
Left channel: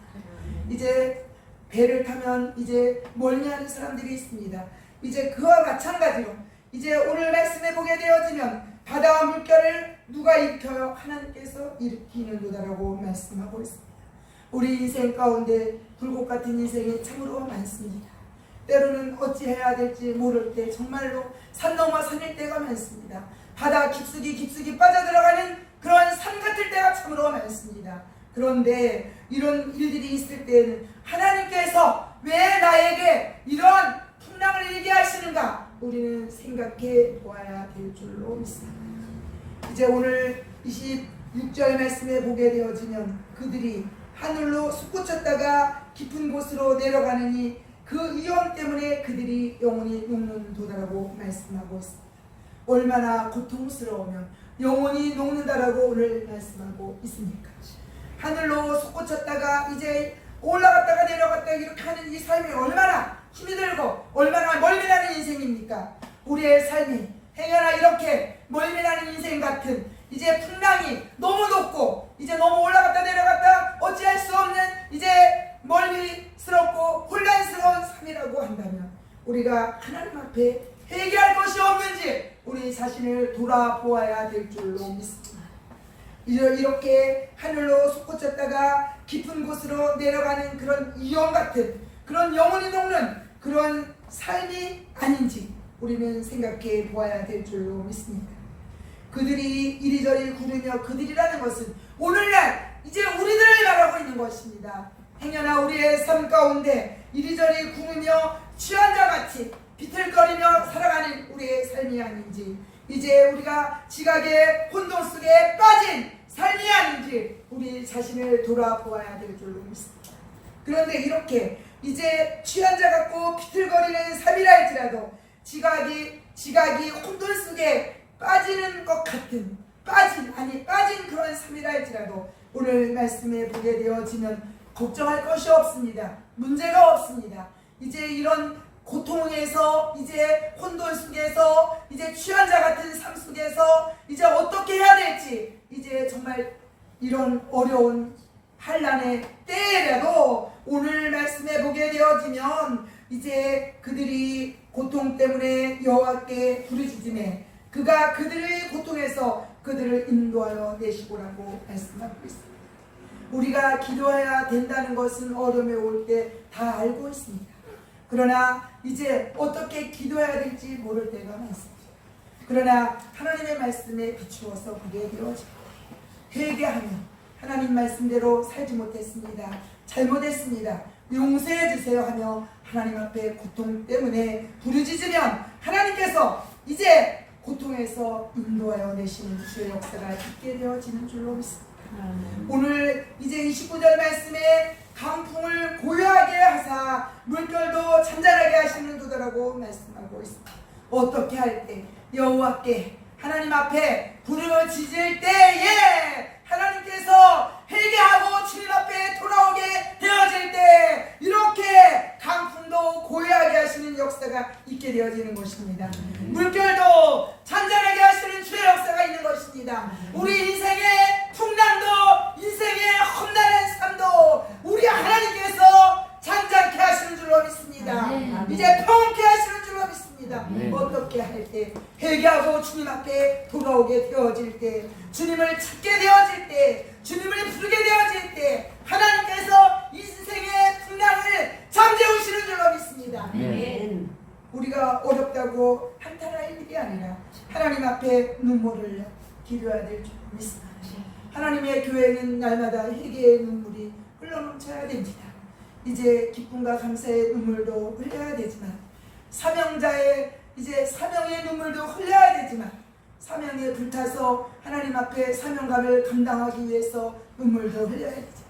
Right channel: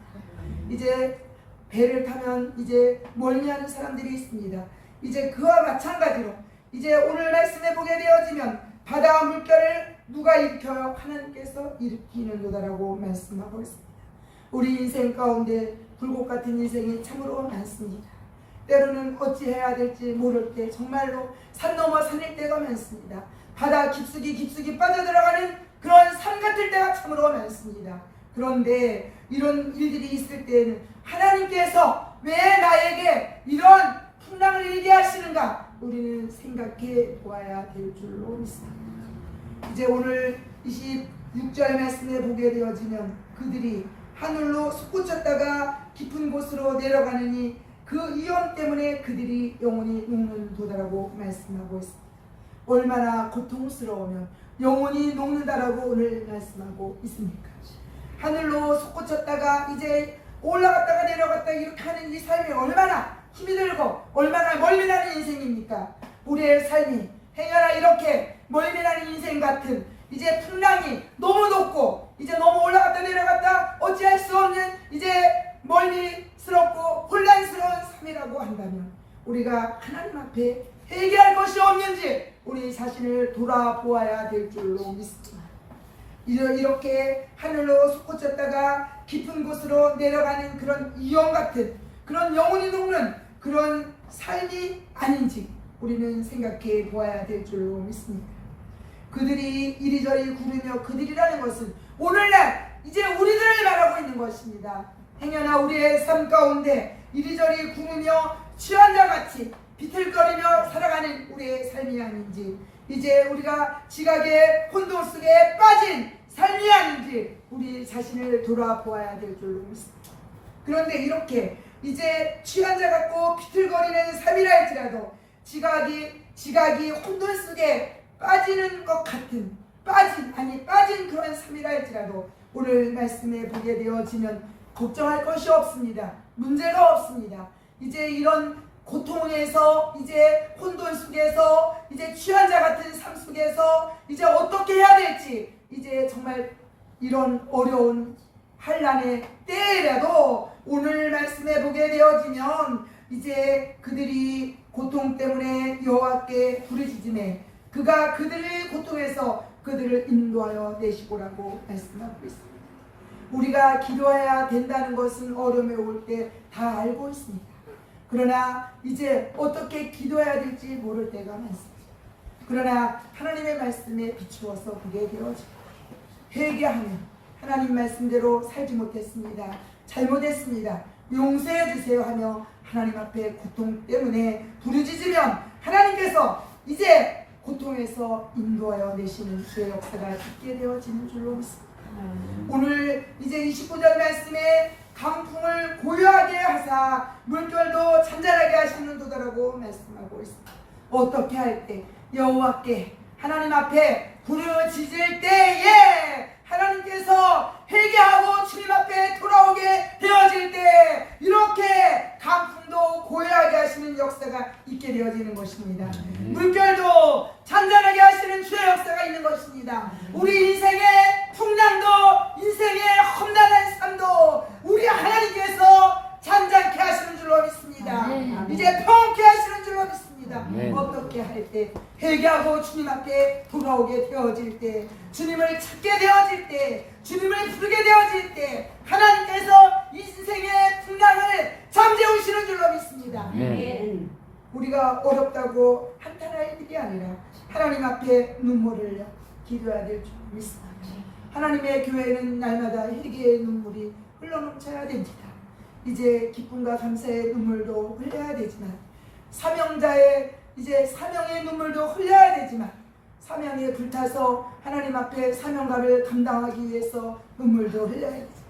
이제 배를 타면 이제 멀미하는 사람들이 있습니다. 이제 그와 마찬가지로 이제 오늘 말씀에 보게 되어지면 바다와 물결을 누가 일으켜요? 하나님께서 일으키는 도다라고 말씀하고 있습니다. 우리 인생 가운데 굴곡 같은 인생이 참으로 많습니다. 때로는 어찌해야 될지 모를 때 정말로 산 넘어 산일 때가 많습니다. 바다 깊숙이 빠져들어가는 그런 산 같을 때가 참으로 많습니다. 그런데 이런 일들이 있을 때에는 하나님께서 왜 나에게 이런 풍랑을 일게 하시는가? 우리는 생각해 보아야 될 줄로 믿습니다. 이제 오늘 26절 말씀에 보게 되어지면 그들이 하늘로 솟구쳤다가 깊은 곳으로 내려가느니 그 위험 때문에 그들이 영원히 녹는 도다라고 말씀하고 있습니다. 얼마나 고통스러우면 영원히 녹는다라고 오늘 말씀하고 있습니까? 하늘로 솟구쳤다가 이제 올라갔다가 내려갔다 이렇게 하는 이 삶이 얼마나 힘이 들고 얼마나 멀미나는 인생입니까? 우리의 삶이 행여나 이렇게 멀미나는 인생 같은 이제 풍랑이 너무 높고 이제 너무 올라갔다 내려갔다 어찌할 수 없는 이제 멀미스럽고 혼란스러운 삶이라고 한다면 우리가 하나님 앞에 회개할 것이 없는지 우리 자신을 돌아보아야 될 줄로 믿습니다. 이렇게 하늘로 솟구쳤다가 깊은 곳으로 내려가는 그런 위험 같은 그런 영혼이 녹는 그런 삶이 아닌지 우리는 생각해 보아야 될 줄로 믿습니다. 그들이 이리저리 구르며 그들이라는 것은 오늘날 이제 우리들을 말하고 있는 것입니다. 행여나 우리의 삶 가운데 이리저리 구르며 취한 자같이 비틀거리며 살아가는 우리의 삶이 아닌지 이제 우리가 지각의 혼돈 속에 빠진 삶이 아닌지 우리 자신을 돌아보아야 될 줄로 믿습니다. 그런데 이렇게 이제 취한 자 같고 비틀거리는 삶이라 할지라도 지각이 혼돈 속에 빠지는 것 같은 빠진 그런 삶이라 할지라도 오늘 말씀에 보게 되어지면 걱정할 것이 없습니다. 문제가 없습니다. 이제 이런 고통에서 이제 혼돈 속에서 이제 취한 자 같은 삶 속에서 이제 어떻게 해야 될지 이제 정말 이런 어려운 환난의 때라도 오늘 말씀에 보게 되어지면 이제 그들이 고통 때문에 여호와께 부르짖음에 그가 그들의 고통에서 그들을 인도하여 내시고라고 말씀하고 있습니다. 우리가 기도해야 된다는 것은 어려움에 올 때 다 알고 있습니다. 그러나 이제 어떻게 기도해야 될지 모를 때가 많습니다. 그러나 하나님의 말씀에 비추어서 보게 되어집니다. 회개하면 하나님 말씀대로 살지 못했습니다. 잘못했습니다. 용서해 주세요 하며 하나님 앞에 고통 때문에 부르짖으면 하나님께서 이제 고통에서 인도하여 내시는 주의 역사가 있게 되어지는 줄로 믿습니다. 오늘 이제 29절 말씀에 강풍을 고요하게 하사 물결도 잔잔하게 하시는 도다라고 말씀하고 있습니다. 어떻게 할 때 여호와께 하나님 앞에 부르짖을 때에 하나님께서 회개하고 주님 앞에 돌아오게 되어질 때 이렇게 강풍도 고요하게 하시는 역사가 있게 되어지는 것입니다. 물결도 잔잔하게 하시는 주의 역사가 있는 것입니다. 우리 인생의 풍랑도 인생의 험난한 삶도 우리 하나님께서 잔잔케 하시는 줄로 믿습니다. 이제 평온케 하시는 줄로 믿습니다. 어떻게 할 때 회개하고 주님 앞에 돌아오게 되어질 때 주님을 찾게 되어질 때 주님을 부르게 되어질 때 하나님께서 인생의 풍랑을 잠재우시는 줄로 믿습니다. 우리가 어렵다고 한탄할 일이 아니라 하나님 앞에 눈물을 흘려 기도해야 될 줄 믿습니다. 하나님의 교회는 날마다 회개의 눈물이 흘러넘쳐야 됩니다. 이제 기쁨과 감사의 눈물도 흘려야 되지만, 사명자의 이제 사명의 눈물도 흘려야 되지만, 사명에 불타서 하나님 앞에 사명감을 감당하기 위해서 눈물도 흘려야 되지만,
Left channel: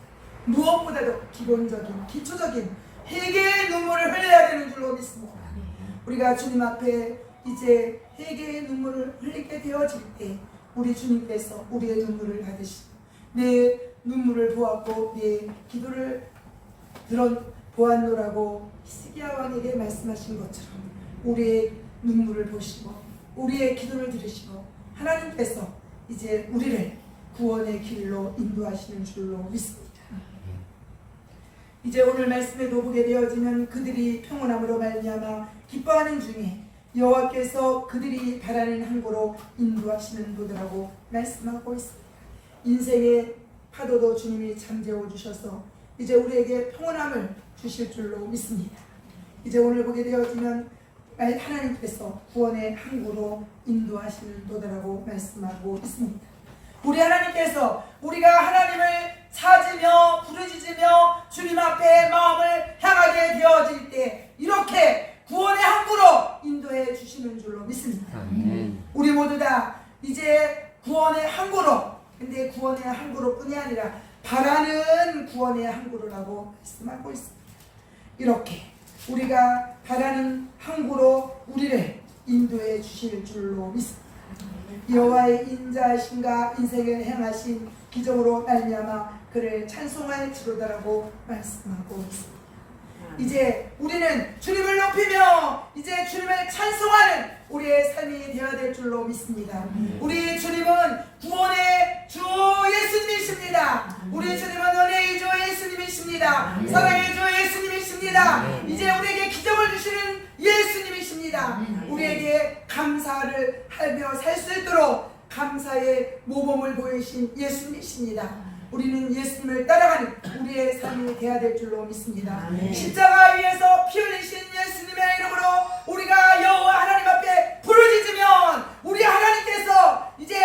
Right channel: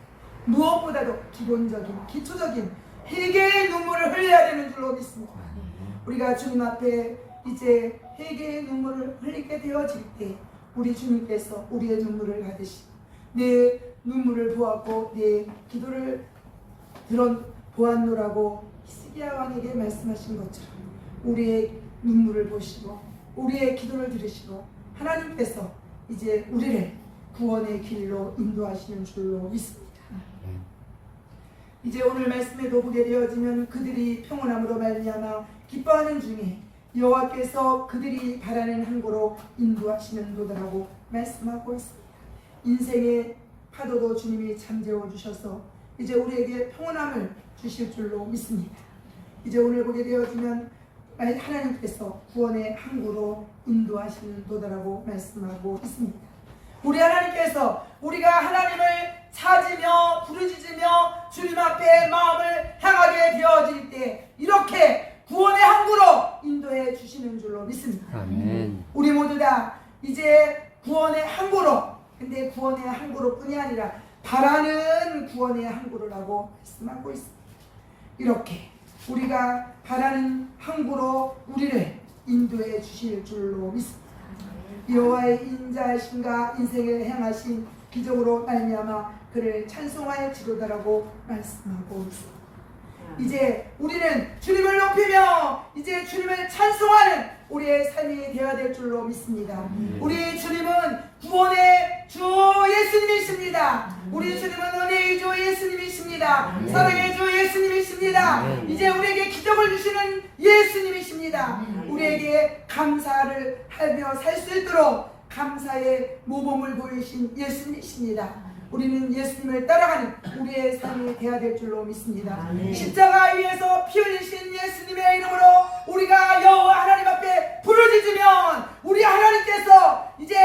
무엇보다도 기본적인 기초적인 회개의 눈물을 흘려야 되는 줄로 믿습니다. 우리가 주님 앞에 이제 회개의 눈물을 흘리게 되어질 때 우리 주님께서 우리의 눈물을 받으시고 내 눈물을 보았고 내 기도를 보았노라고 히스기야 왕에게 말씀하신 것처럼 우리의 눈물을 보시고 우리의 기도를 들으시고 하나님께서 이제 우리를 구원의 길로 인도하시는 줄로 믿습니다. 이제 오늘 말씀에도 보게 되어지면 그들이 평온함으로 말미암아 기뻐하는 중에 여호와께서 그들이 바라는 항구로 인도하시는 도더라고 말씀하고 있습니다. 인생의 파도도 주님이 잠재워 주셔서 이제 우리에게 평온함을 주실 줄로 믿습니다. 이제 오늘 보게 되어지면 하나님께서 구원의 항구로 인도하시는 도더라고 말씀하고 있습니다. 우리 하나님께서 우리가 하나님을 찾으며 부르짖으며 주님 앞에 마음을 향하게 되어질 때 이렇게 구원의 항구로 인도해 주시는 줄로 믿습니다. 우리 모두 다 이제 구원의 항구로, 근데 구원의 항구로 뿐이 아니라 바라는 구원의 항구로라고 말씀하고 있습니다. 이렇게 우리가 바라는 항구로 우리를 인도해 주실 줄로 믿습니다. 여호와의 인자하심과 인생을 행하신 기적으로 말미암아 그를 찬송할지로다라고 말씀하고 있습니다. 이제 우리는 주님을 높이며 이제 주님을 찬송하는 우리의 삶이 되어야 될 줄로 믿습니다. 우리 주님은 구원의 주 예수님이십니다. 우리 주님은 은혜의 주 예수님이십니다. 사랑의 주 예수님이십니다. 이제 우리에게 기적을 주시는 예수님이십니다. 우리에게 감사를 하며 살 수 있도록 감사의 모범을 보이신 예수님이십니다. 우리는 예수님을 따라가는 우리의 삶이 되어야 될 줄로 믿습니다. 십자가 위에서 피 흘리신 예수님의 이름으로 우리가 여호와 하나님 앞에 부르짖으면 우리 하나님께서 이제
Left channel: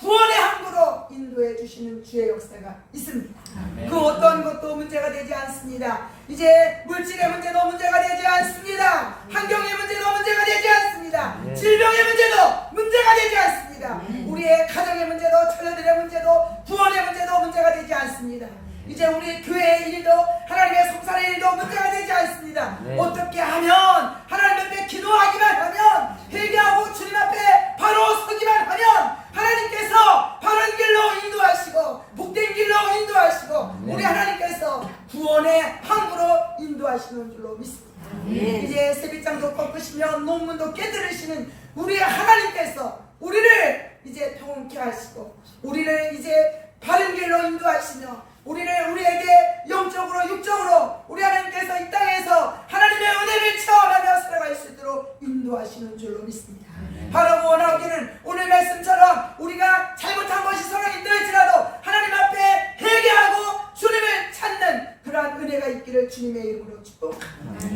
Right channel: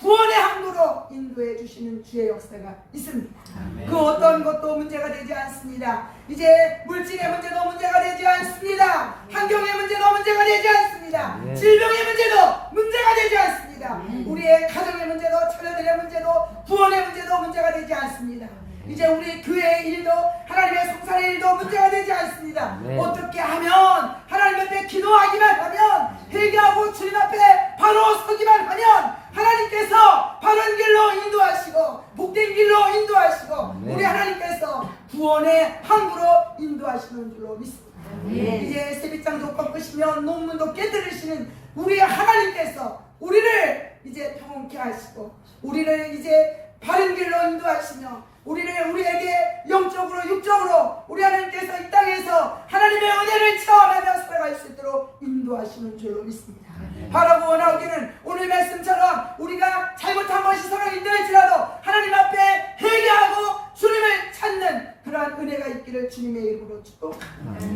구원의 항구로 인도해 주시는 주의 역사가 있습니다. 그 어떤 것도 문제가 되지 않습니다. 이제 물질의 문제도 문제가 되지 않습니다. 환경의 문제도 문제가 되지 않습니다. 질병의 문제도 문제가 되지 않습니다. 우리의 가정의 문제도 자녀들의 문제도 구원의 문제도 문제가 되지 않습니다. 이제 우리 교회의 일도 하나님의 성산의 일도 문제가 되지 않습니다. 어떻게 하면 하나님 앞에 기도하기만 하면 회개하고 주님 앞에 바로 서기만 하면 하나님께서 바른 길로 인도하시고 복된 길로 인도하시고 우리 하나님께서 구원의 항구로 인도하시는 줄로 믿습니다. 이제 세빛장도 꺾으시며 논문도 깨뜨리시는 우리 하나님께서 우리를 이제 평온케 하시고 우리를 이제 바른 길로 인도하시며 우리에게 영적으로 육적으로 우리 하나님께서 이 땅에서 하나님의 은혜를 체험하며 살아갈 수 있도록 인도하시는 줄로 믿습니다. 바라고 원하기는 오늘 말씀처럼 우리가 잘못한 것이 서로 있을지라도 하나님 앞에 회개하고 주님을 찾는 그러한 은혜가 있기를 주님의 이름으로 축복합니다.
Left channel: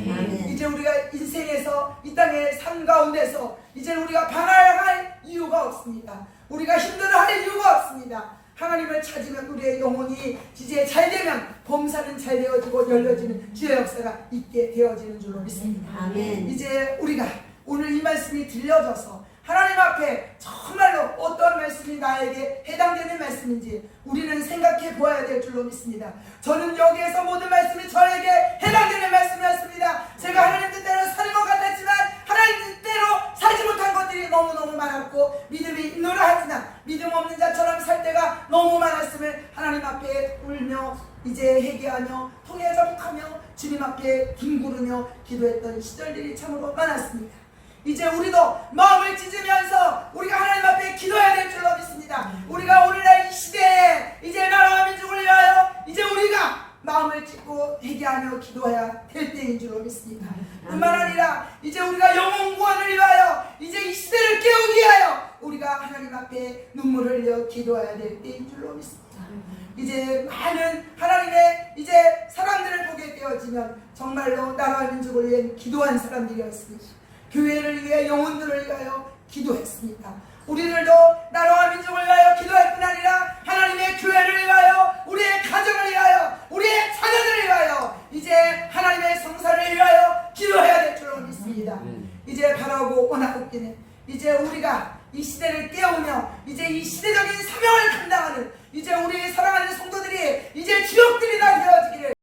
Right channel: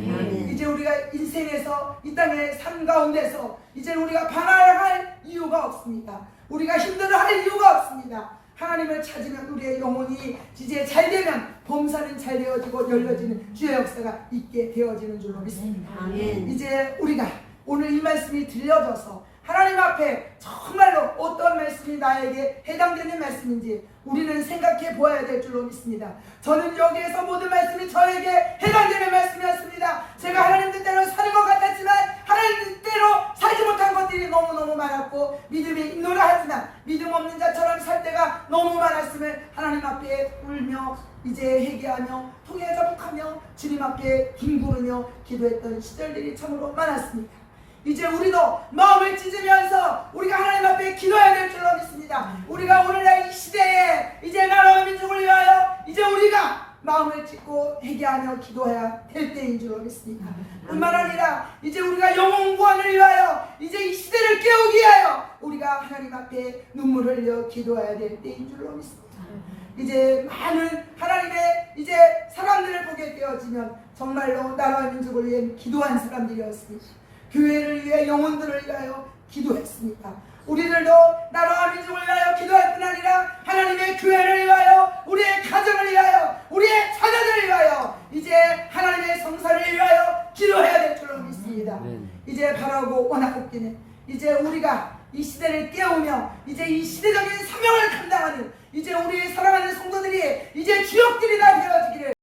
이제 우리가 인생에서 이 땅의 삶 가운데서 이제 우리가 방황할 이유가 없습니다. 우리가 힘들어할 이유가 없습니다. 하나님을 찾으면 우리의 영혼이 이제 잘 되면 범사는 잘 되어지고 열려지는 주의 역사가 있게 되어지는 줄로 믿습니다. 이제 우리가 오늘 이 말씀이 들려져서 하나님 앞에 정말로 어떤 말씀이 나에게 해당되는 말씀인지 우리는 생각해 보아야 될 줄로 믿습니다. 저는 여기에서 모든 말씀이 저에게 해당되는 말씀이었습니다. 제가 하나님 뜻대로 사는 것 같았지만 하나님 뜻대로 살지 못한 것들이 너무너무 많았고 믿음이 있노라 하지만 믿음 없는 자처럼 살 때가 너무 많았음을 하나님 앞에 울며 이제 회개하며 통해 자복하며 주님 앞에 뒹구르며 기도했던 시절들이 참으로 많았습니다. 이제 우리도 마음을 찢으면서 우리가 하나님 앞에 기도해야 될 줄로 믿습니다. 우리가 오늘날 이 시대에 이제 나라와 민족을 위하여 이제 우리가 마음을 찢고 회개하며 기도해야 될 때인 줄로 믿습니다. 뿐만 아니라 이제 우리가 영혼 구원을 위하여 이제 이 시대를 깨우기 위하여 우리가 하나님 앞에 눈물을 흘려 기도해야 될 때인 줄로 믿습니다. 이제 많은 하나님의 이제 사람들을 보게 되어지면 정말로 나라와 민족을 위해 기도한 사람들이었습니다. 교회를 위해 영혼들을 위하여 기도했습니다. 우리들도 나라와 민족을 위하여 기도할 뿐 아니라 하나님의 교회를 위하여, 우리의 가정을 위하여, 우리의 자녀들을 위하여, 이제 하나님의 성사를 위하여 기도해야 될 줄로 믿습니다. 이제 바라고 원하옵기는 이제 우리가 이 시대를 깨우며 이제 이 시대적인 사명을 감당하는 이제 우리 사랑하는 성도들이 이제 주역들이 다 되어지기를